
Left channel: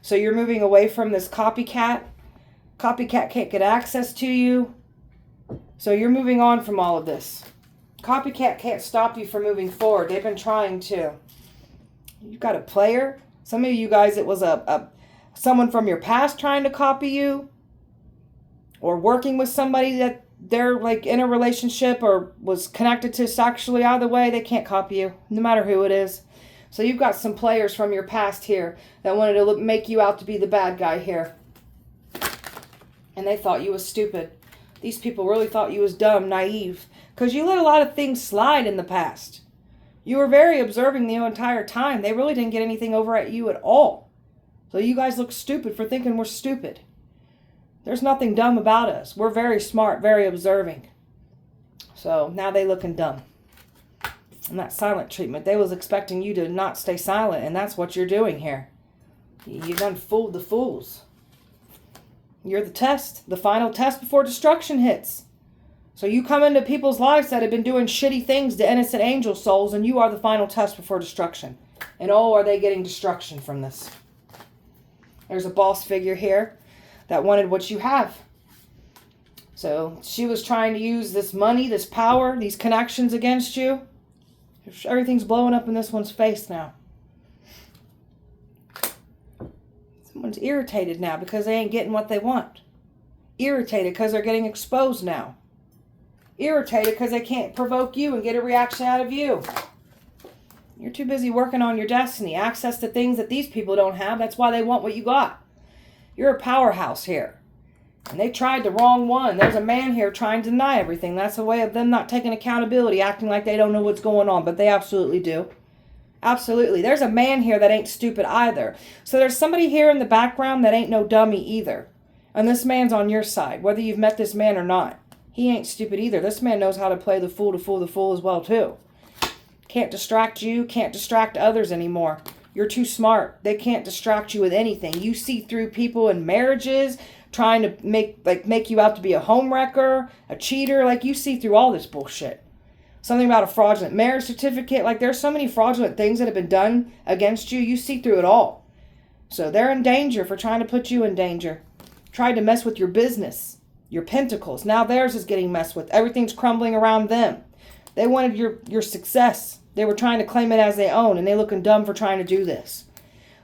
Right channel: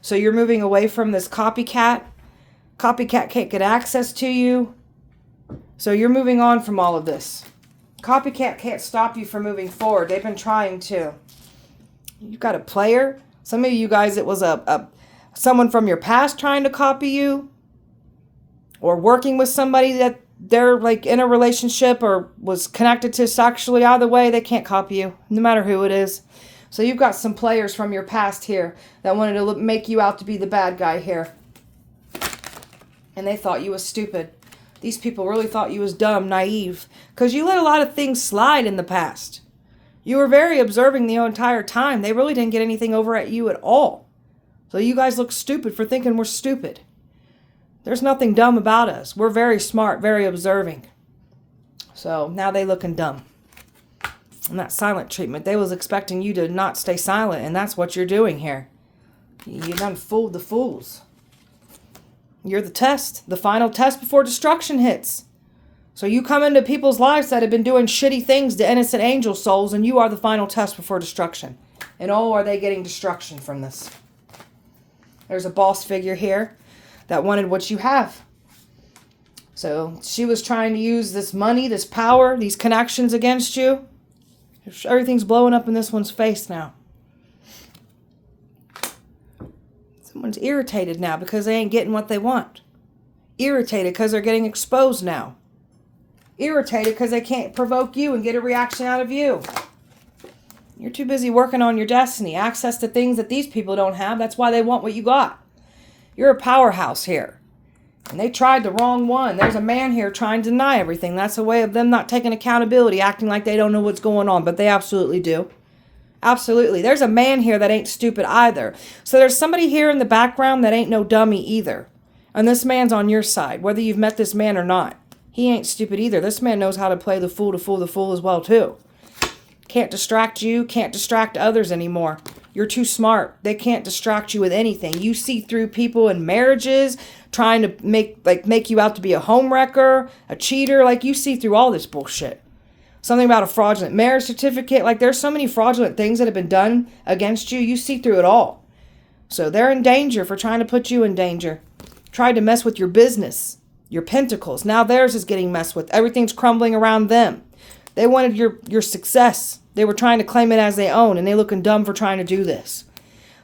So you're moving away from this copycat. Copycat can't get access to you. So you're moving on from all of this. Copycat can't stop you from moving forward. They've been trying to. You've got a player. Some of you guys, it was someone from your past trying to copy you. Or working with somebody that they're like in a relationship or was connected to sexually. Either way, they can't copy you, no matter who it is. So you've got some players from your past here that wanted to make you out to be the bad guy here. And they thought you was stupid. These people really thought you was dumb, naive, because you let a lot of things slide in the past. You were very observing the entire time. They really didn't get anything over at you at all. So you guys look stupid for thinking we're stupid. There's nothing dumb about us. We're very smart, very observing. So now they looking dumb. And that silent treatment, they was expecting you to not stay silent, and that's what you're doing here. You done fooled the fools. You're the test, the final test before destruction hits. So you come into people's lives that have been doing shitty things to innocent angel souls, and you are the final test before destruction. And oh, are they getting destruction from this? There's a boss figure here that wanted what you have. So she was trying to use this money, this power, these connections against you. Everything's blowing up in this one's face now. Someone's irritated now because they ain't getting what they want. Irritated because they're getting exposed now. Irritated because they can't provoke you and get a reaction out of you. You're too busy working on your destiny. Access to things that these people don't have. That's why they want what you got. You're a powerhouse here. And they tried the wrong one. There's a man here trying to deny everything. That's a way of them not taking accountability, acting like they don't know what's going on. But they absolutely do. Absolutely. There's a man here that ain't stupid either. So there's somebody here in the background that ain't no dummy either. And this man's on your side, whether you've met this man or not. He ain't stupid either. This man knows how to play the fool to fool the fool as well, too. Can't distract you, can't distract others anymore. You're too smart. They can't distract you with anything. You see through people in marriages, trying to make you out to be a homewrecker, a cheater. Like, you see through all this bullshit. Something about a fraudulent marriage certificate. Like, there's so many fraudulent things that have been done against you. You see through it all. So they're in danger for trying to put you in danger. Tried to mess with your business, your pentacles. Now theirs is getting messed with. Everything's crumbling around them. They wanted your success. They were trying to claim it as their own, and they looking dumb for trying to do this.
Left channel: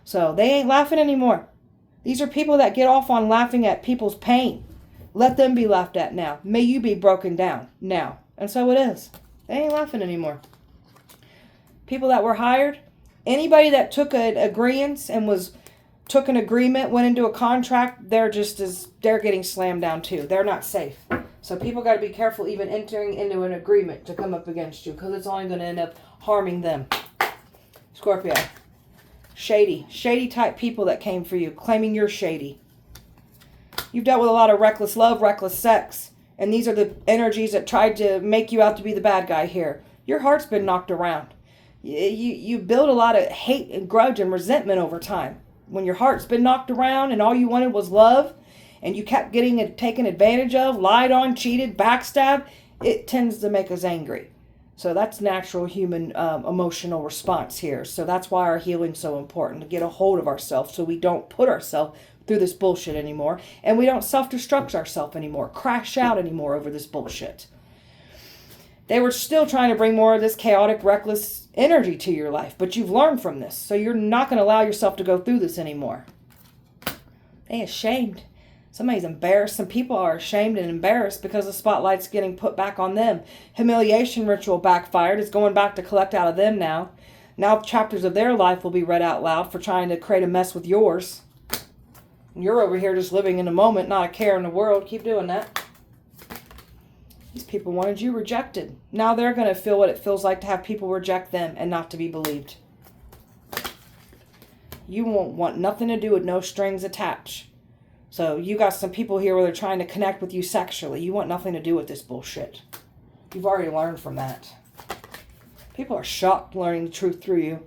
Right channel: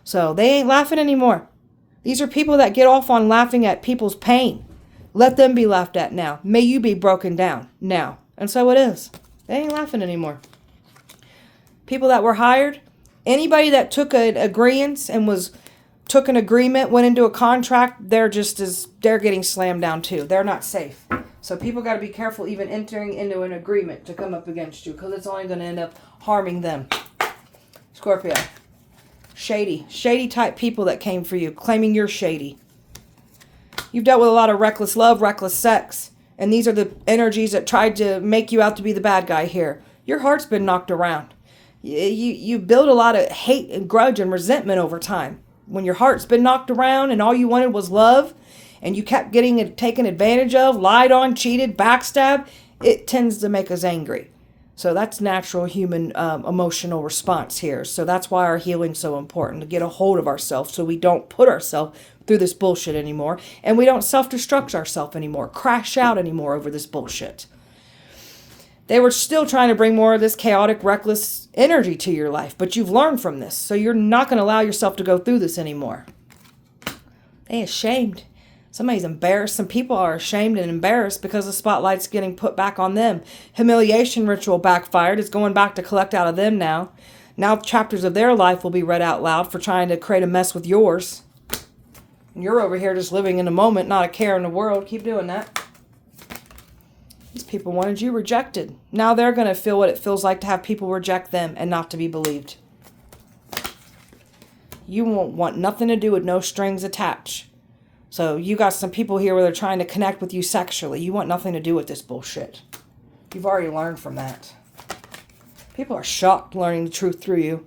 So they ain't laughing anymore. These are people that get off on laughing at people's pain. Let them be laughed at now. May you be broken down now. And so it is. They ain't laughing anymore. People that were hired, anybody that took an agreement and took an agreement, went into a contract, they're getting slammed down too. They're not safe. So people got to be careful even entering into an agreement to come up against you, because it's only going to end up harming them. Scorpio. Shady type people that came for you, claiming you're shady. You've dealt with a lot of reckless love, reckless sex. And these are the energies that tried to make you out to be the bad guy here. Your heart's been knocked around. You build a lot of hate and grudge and resentment over time. When your heart's been knocked around and all you wanted was love, and you kept getting taken advantage of, lied on, cheated, backstabbed, it tends to make us angry. So that's natural human emotional response here. So that's why our healing's so important, to get a hold of ourselves so we don't put ourselves through this bullshit anymore, and we don't self-destruct ourselves anymore, crash out anymore over this bullshit. They were still trying to bring more of this chaotic, reckless energy to your life, but you've learned from this, so you're not going to allow yourself to go through this anymore. They ashamed. Somebody's embarrassed. Some people are ashamed and embarrassed because the spotlight's getting put back on them. Humiliation ritual backfired. It's going back to collect out of them now. Now chapters of their life will be read out loud for trying to create a mess with yours. And you're over here just living in the moment, not a care in the world. Keep doing that. These people wanted you rejected. Now they're going to feel what it feels like to have people reject them and not to be believed. You won't want nothing to do with no strings attached. So you got some people here where they're trying to connect with you sexually. You want nothing to do with this bullshit. You've already learned from that. People are shocked learning the truth through you.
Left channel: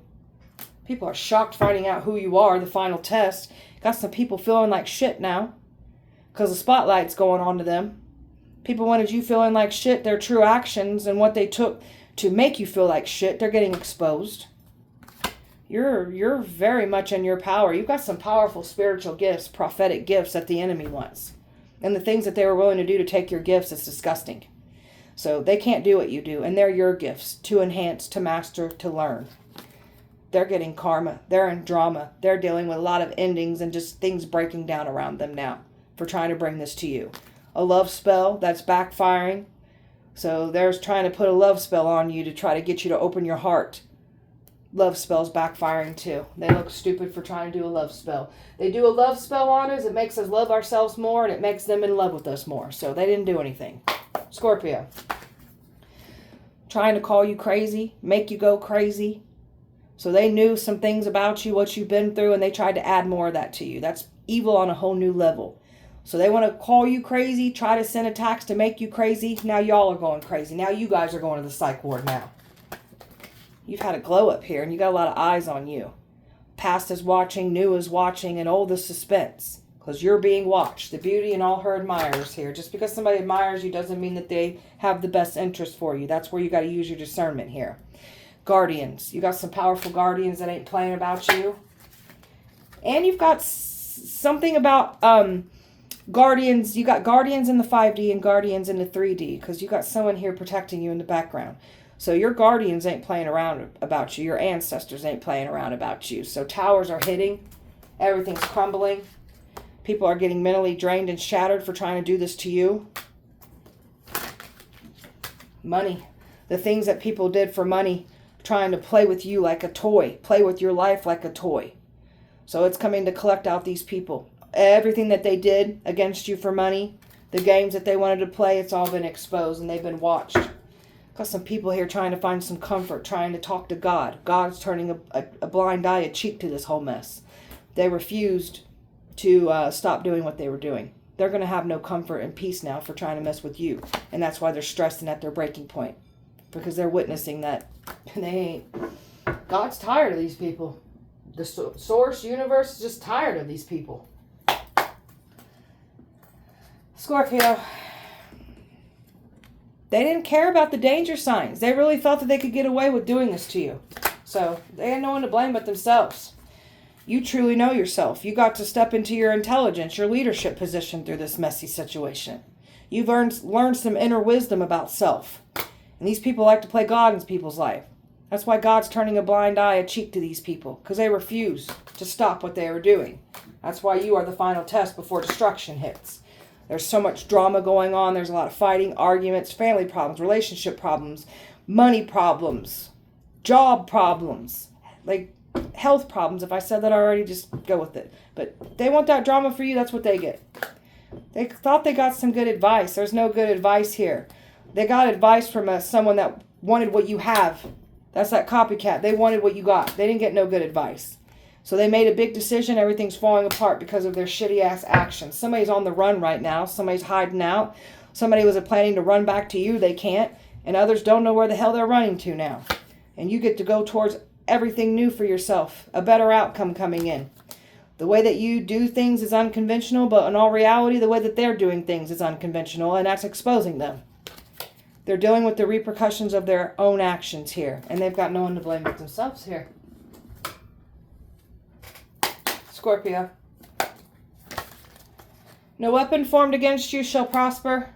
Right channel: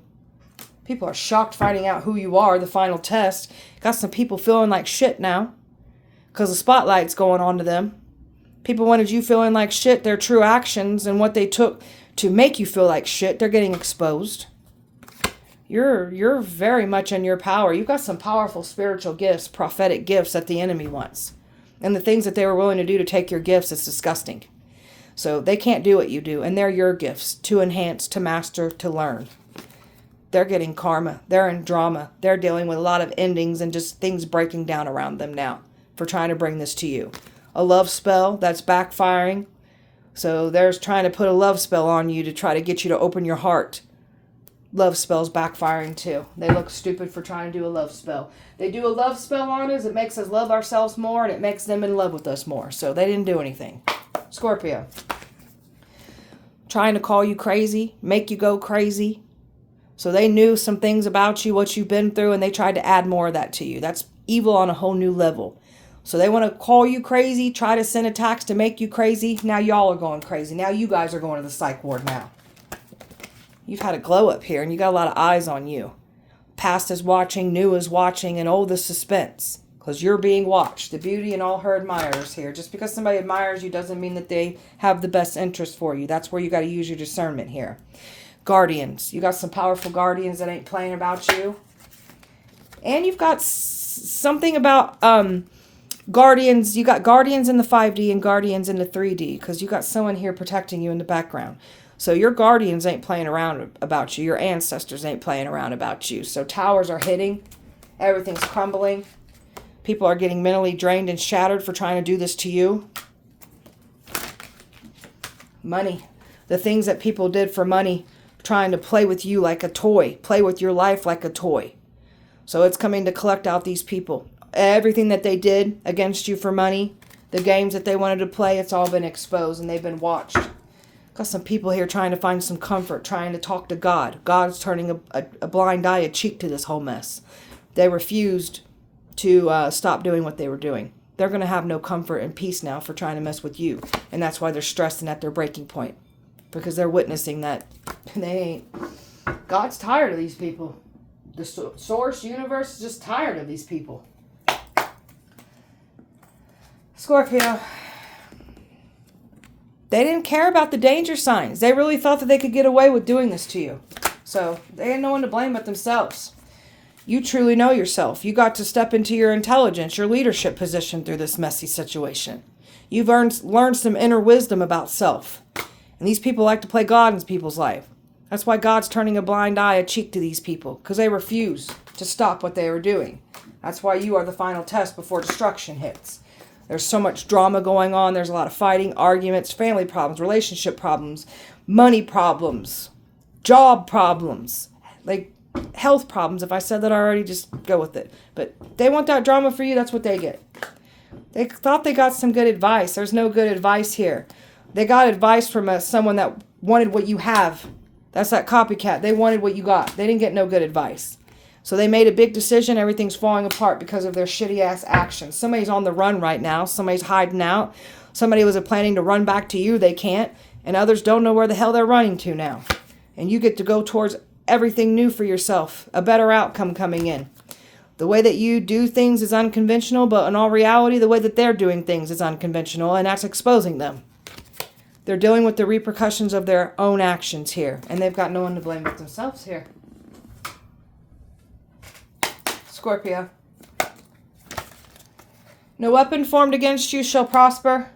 People are shocked finding out who you are, the final test. Got some people feeling like shit now because the spotlight's going on to them. People wanted you feeling like shit. Their true actions and what they took to make you feel like shit, they're getting exposed. You're very much in your power. You've got some powerful spiritual gifts, prophetic gifts that the enemy wants. And the things that they were willing to do to take your gifts is disgusting. So they can't do what you do. And they're your gifts to enhance, to master, to learn. They're getting karma. They're in drama. They're dealing with a lot of endings and just things breaking down around them now for trying to bring this to you. A love spell that's backfiring. So they're trying to put a love spell on you to try to get you to open your heart. Love spells backfiring too. They look stupid for trying to do a love spell. They do a love spell on us. It makes us love ourselves more, and it makes them in love with us more. So they didn't do anything. Scorpio. Trying to call you crazy, make you go crazy. So they knew some things about you, what you've been through, and they tried to add more of that to you. That's evil on a whole new level. So they want to call you crazy, try to send attacks to make you crazy. Now y'all are going crazy. Now you guys are going to the psych ward now. You've had a glow up here, and you got a lot of eyes on you. Past is watching, new is watching, and all the suspense. Because you're being watched. The beauty and all her admirers here. Just because somebody admires you doesn't mean that they have the best interest for you. That's where you got to use your discernment here. Guardians. You got some powerful guardians that ain't playing about you. And you've got something about guardians. You got guardians in the 5D and guardians in the 3D. Because you got someone here protecting you in the background. So your guardians ain't playing around about you. Your ancestors ain't playing around about you. So towers are hitting. Everything's crumbling. People are getting mentally drained and shattered for trying to do this to you. Money. The things that people did for money, trying to play with you like a toy. Play with your life like a toy. So it's coming to collect out these people. Everything that they did against you for money, the games that they wanted to play, it's all been exposed and they've been watched. Got some people here trying to find some comfort, trying to talk to God. God's turning a blind eye, a cheek to this whole mess. They refused to stop doing what they were doing. They're going to have no comfort and peace now for trying to mess with you. And that's why they're stressed and at their breaking point. Because they're witnessing that they ain't. God's tired of these people. The source, universe is just tired of these people. Scorpio. They didn't care about the danger signs. They really thought that they could get away with doing this to you. So they had no one to blame but themselves. You truly know yourself. You got to step into your intelligence, your leadership position through this messy situation. You've learned some inner wisdom about self. And these people like to play God in people's life. That's why God's turning a blind eye, a cheek to these people, because they refuse to stop what they are doing. That's why you are the final test before destruction hits. There's so much drama going on. There's a lot of fighting, arguments, family problems, relationship problems, money problems, job problems, like health problems. If I said that already, just go with it. But they want that drama for you. That's what they get. They thought they got some good advice. There's no good advice here. They got advice from someone that wanted what you have. That's that copycat. They wanted what you got. They didn't get no good advice. So they made a big decision. Everything's falling apart because of their shitty-ass actions. Somebody's on the run right now. Somebody's hiding out. Somebody was planning to run back to you. They can't. And others don't know where the hell they're running to now. And you get to go towards everything new for yourself. A better outcome coming in. The way that you do things is unconventional, but in all reality, the way that they're doing things is unconventional, and that's exposing them. They're dealing with the repercussions of their own actions here, and they've got no one to blame but themselves here. Scorpio. No weapon formed against you shall prosper.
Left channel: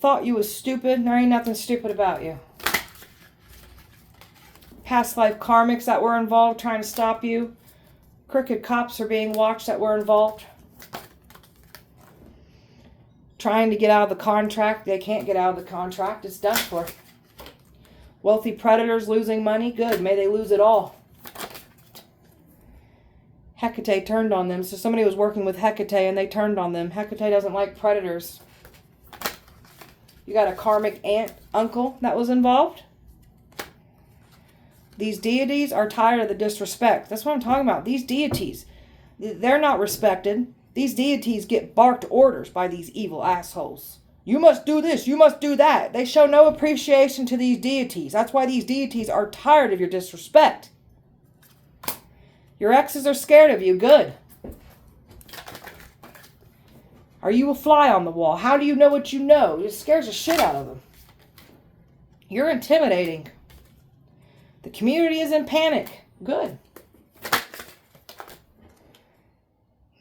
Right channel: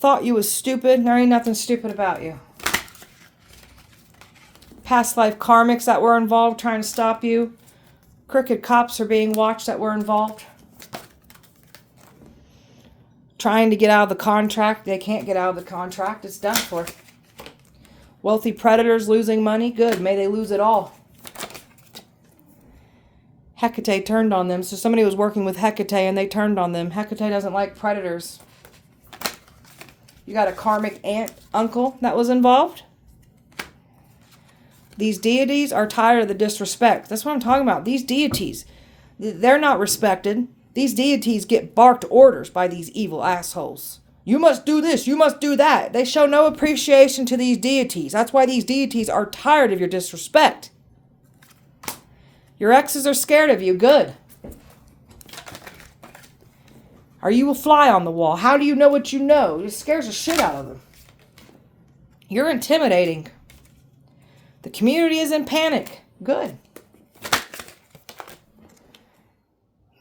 Thought you was stupid. There ain't nothing stupid about you. Past life karmics that were involved trying to stop you. Crooked cops are being watched that were involved. Trying to get out of the contract. They can't get out of the contract. It's done for. Wealthy predators losing money. Good. May they lose it all. Hecate turned on them. So somebody was working with Hecate and they turned on them. Hecate doesn't like predators. You got a karmic aunt, uncle that was involved. These deities are tired of the disrespect. That's what I'm talking about. These deities, they're not respected. These deities get barked orders by these evil assholes. You must do this. You must do that. They show no appreciation to these deities. That's why these deities are tired of your disrespect. Your exes are scared of you. Good. Are you a fly on the wall? How do you know what you know? It scares the shit out of them. You're intimidating. The community is in panic. Good.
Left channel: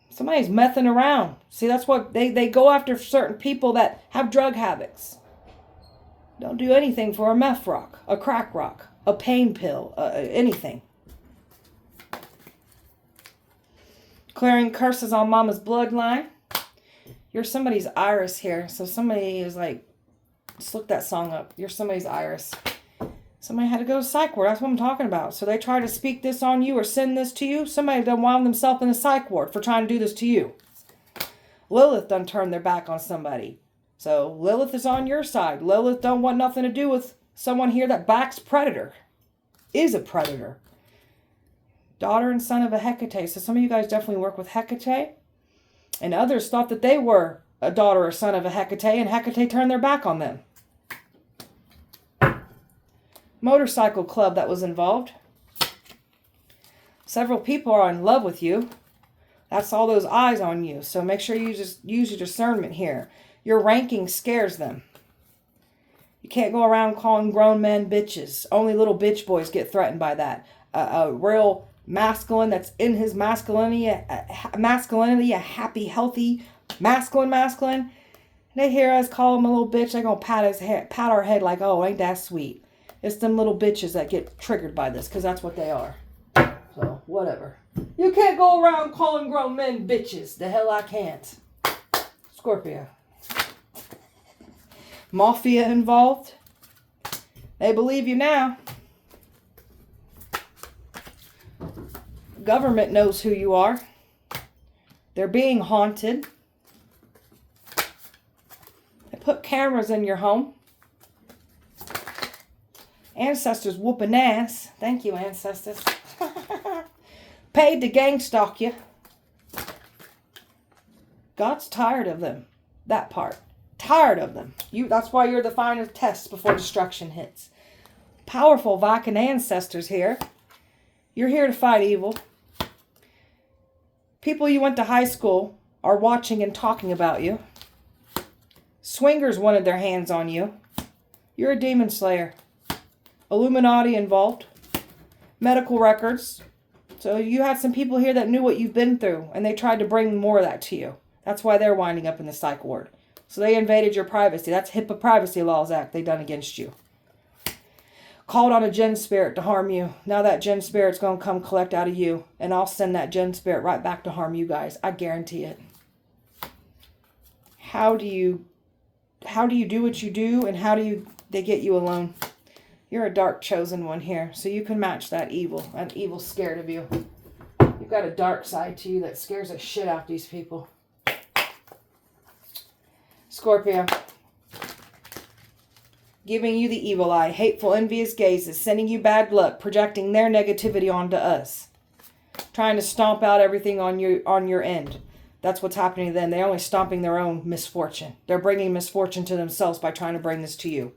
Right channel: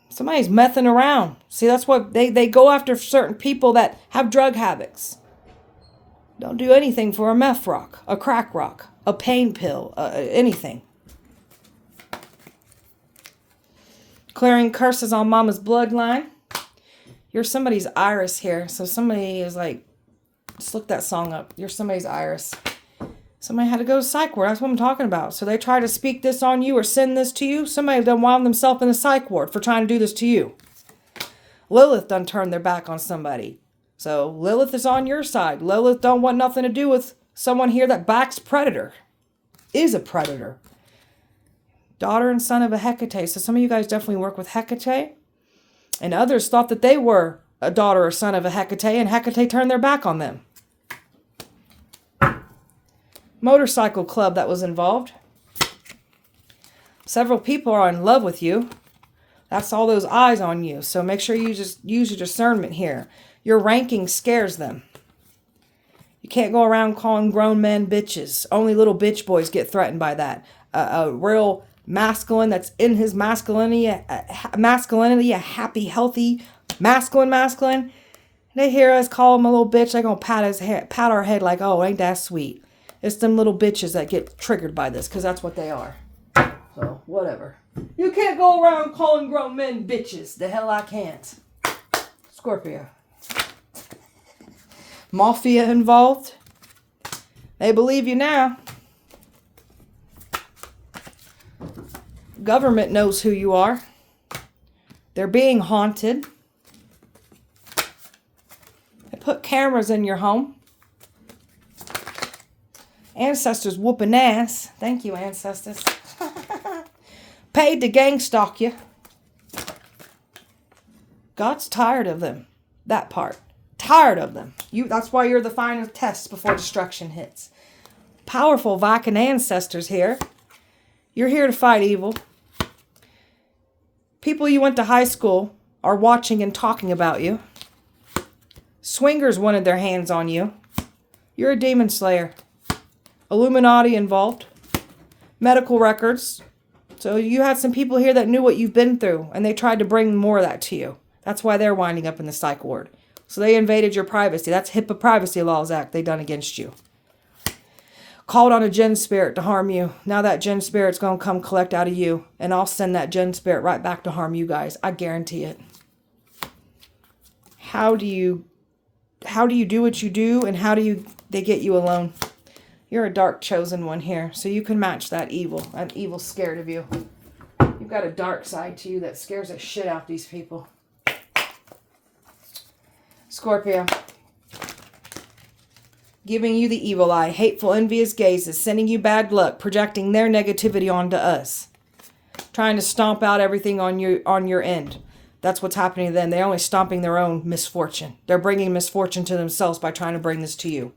Somebody's messing around. See, that's what they go after certain people that have drug habits. Don't do anything for a meth rock, a crack rock, a pain pill, anything. Clearing curses on mama's bloodline. You're somebody's iris here. So somebody is like, just look that song up. You're somebody's iris. Somebody had to go to psych ward. That's what I'm talking about. So they try to speak this on you or send this to you. Somebody done wound themselves in a psych ward for trying to do this to you. Lilith done turned their back on somebody. So Lilith is on your side. Lilith don't want nothing to do with someone here that backs predator. Is a predator. Daughter and son of a Hecate. So some of you guys definitely work with Hecate. And others thought that they were a daughter or son of a Hecate. And Hecate turned their back on them. Motorcycle club that was involved. Several people are in love with you. That's all those eyes on you. So make sure you just use your discernment here. Your ranking scares them. You can't go around calling grown men bitches. Only little bitch boys get threatened by that. A real masculine that's in his masculinity, a happy, healthy, masculine. They hear us call him a little bitch. They're going to pat our head like, oh, ain't that sweet. It's them little bitches that get triggered by this because that's what they are. So, whatever. You can't go around calling grown men bitches. The hell I can't. Scorpio. Mafia involved. They believe you now. Government knows who you are. They're being haunted. They put cameras in your home. Ancestors whooping ass. Thank you, ancestors. Paid to gang stalk you. God's tired of them. That part. Tired of them. That's why you're the final test before destruction hits. Powerful Viking ancestors here. You're here to fight evil. People you went to high school are watching and talking about you. Swingers wanted their hands on you. You're a demon slayer. Illuminati involved. Medical records. So you had some people here that knew what you've been through, and they tried to bring more of that to you. That's why they're winding up in the psych ward. So they invaded your privacy. That's HIPAA Privacy Laws Act they done against you. Called on a Jinn spirit to harm you. Now that Jinn spirit's going to come collect out of you. And I'll send that Jinn spirit right back to harm you guys. I guarantee it. How do you do what you do, and how do they get you alone? You're a dark chosen one here, so you can match that evil. That evil's scared of you. You've got a dark side to you that scares the shit out of these people. Scorpio. Giving you the evil eye, hateful, envious gazes, sending you bad luck, projecting their negativity onto us. Trying to stomp out everything on your end. That's what's happening to them. They're only stomping their own misfortune. They're bringing misfortune to themselves by trying to bring this to you.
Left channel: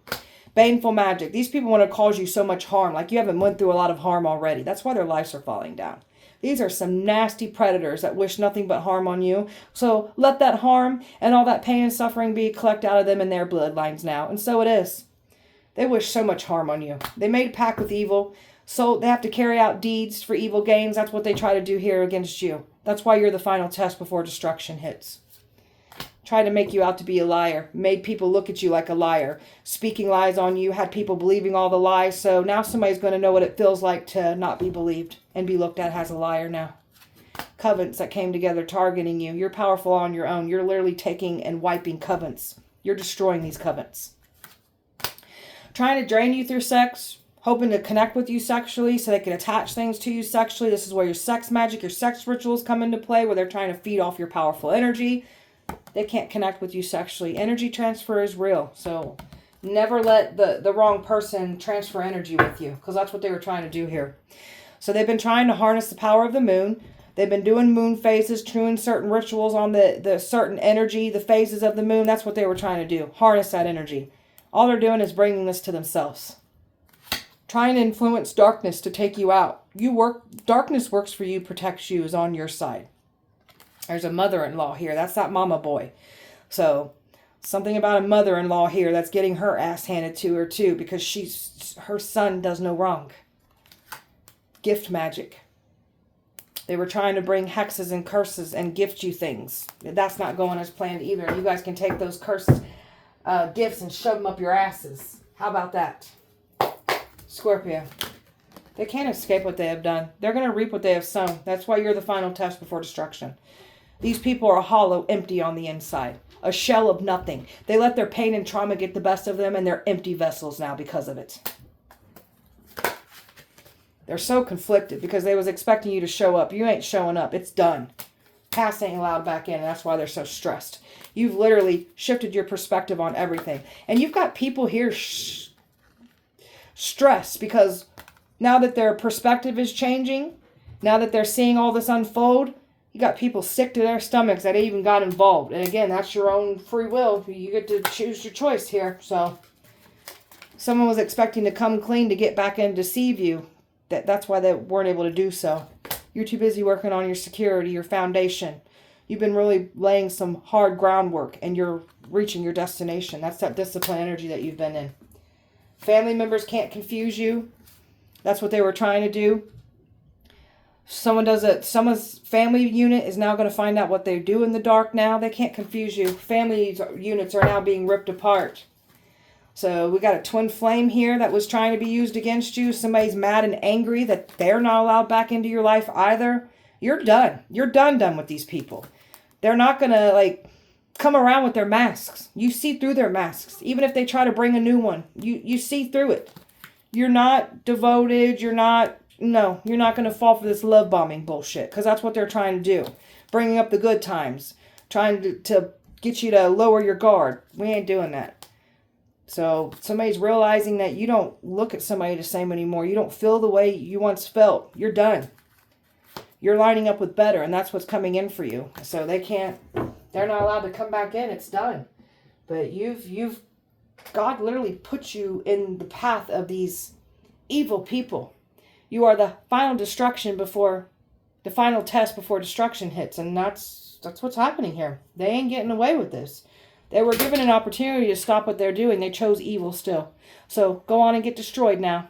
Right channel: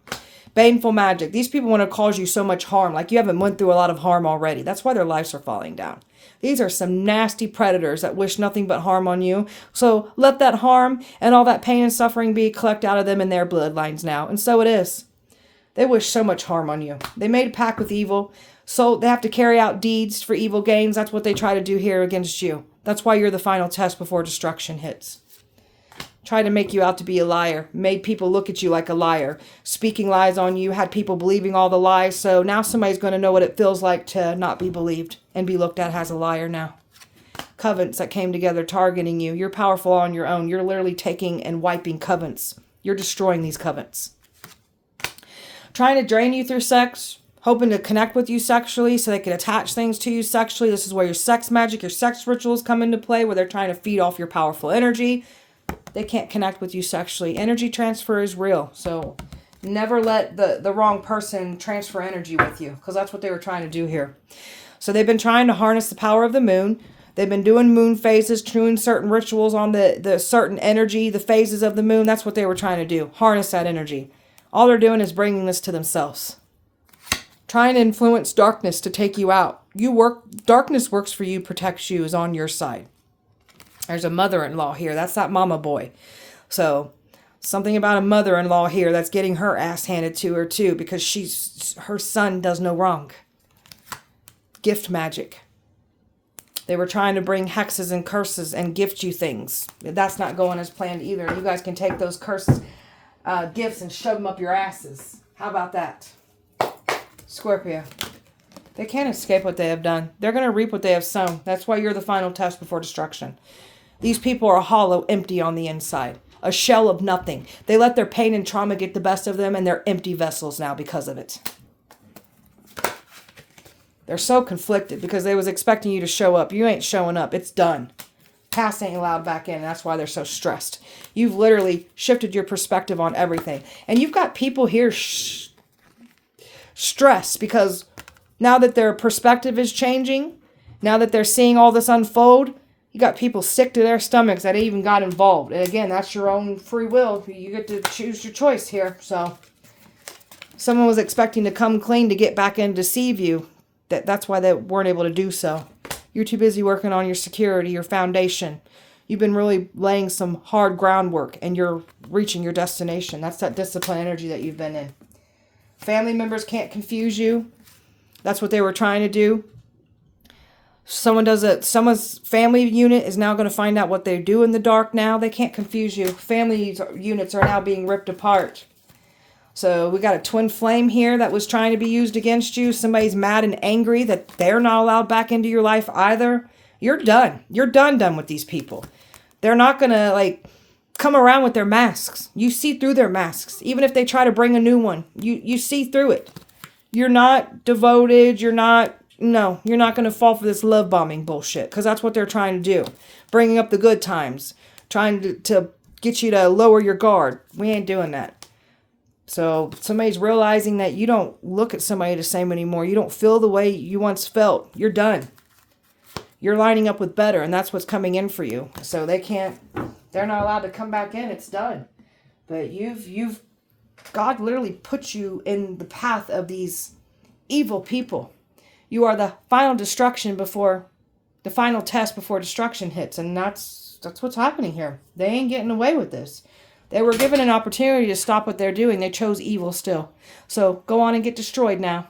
Baneful magic. These people want to cause you so much harm. Like you haven't went through a lot of harm already. That's why their lives are falling down. These are some nasty predators that wish nothing but harm on you. So let that harm and all that pain and suffering be collect out of them and their bloodlines now. And so it is. They wish so much harm on you. They made a pact with evil. So they have to carry out deeds for evil gains. That's what they try to do here against you. That's why you're the final test before destruction hits. Try to make you out to be a liar. Made people look at you like a liar. Speaking lies on you. Had people believing all the lies. So now somebody's going to know what it feels like to not be believed and be looked at as a liar now. Covens that came together targeting you. You're powerful on your own. You're literally taking and wiping covens. You're destroying these covens. Trying to drain you through sex. Hoping to connect with you sexually so they can attach things to you sexually. This is where your sex magic, your sex rituals come into play, where they're trying to feed off your powerful energy. They can't connect with you sexually. Energy transfer is real. So never let the wrong person transfer energy with you, because that's what they were trying to do here. So they've been trying to harness the power of the moon. They've been doing moon phases, doing certain rituals on the certain energy, the phases of the moon. That's what they were trying to do. Harness that energy. All they're doing is bringing this to themselves. Trying to influence darkness to take you out. Darkness works for you, protects you, is on your side. There's a mother-in-law here. That's that mama boy. So something about a mother-in-law here that's getting her ass handed to her too, because her son does no wrong. Gift magic. They were trying to bring hexes and curses and gift you things. That's not going as planned either. You guys can take those curses, gifts and shove them up your asses. How about that? Scorpio. They can't escape what they have done. They're going to reap what they have sown. That's why you're the final test before destruction. These people are hollow, empty on the inside. A shell of nothing. They let their pain and trauma get the best of them, and they're empty vessels now because of it. They're so conflicted because they was expecting you to show up. You ain't showing up. It's done. Past ain't allowed back in, and that's why they're so stressed. You've literally shifted your perspective on everything. And you've got people here stressed because now that their perspective is changing, now that they're seeing all this unfold, you got people sick to their stomachs that even got involved. And again, that's your own free will. You get to choose your choice here. So someone was expecting to come clean to get back and deceive you. That's why they weren't able to do so. You're too busy working on your security, your foundation. You've been really laying some hard groundwork, and you're reaching your destination. That's that discipline energy that you've been in. Family members can't confuse you. That's what they were trying to do. Someone's family unit is now going to find out what they do in the dark now. They can't confuse you. Family units are now being ripped apart. So we got a twin flame here that was trying to be used against you. Somebody's mad and angry that they're not allowed back into your life either. You're done. You're done with these people. They're not going to come around with their masks. You see through their masks. Even if they try to bring a new one, you see through it. You're not devoted. You're not going to fall for this love bombing bullshit, because that's what they're trying to do. Bringing up the good times. Trying to get you to lower your guard. We ain't doing that. So somebody's realizing that you don't look at somebody the same anymore. You don't feel the way you once felt. You're done. You're lining up with better, and that's what's coming in for you. So they're not allowed to come back in. It's done. But God literally put you in the path of these evil people. You are the final destruction before the final test before destruction hits, and that's what's happening here. They ain't getting away with this. They were given an opportunity to stop what they're doing. They chose evil still. So go on and get destroyed now.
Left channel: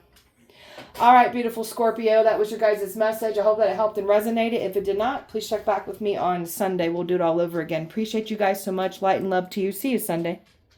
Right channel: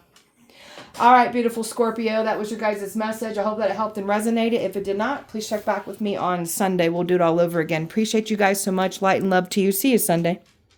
All right, beautiful Scorpio. That was your guys' message. I hope that it helped and resonated. If it did not, please check back with me on Sunday. We'll do it all over again. Appreciate you guys so much. Light and love to you. See you Sunday.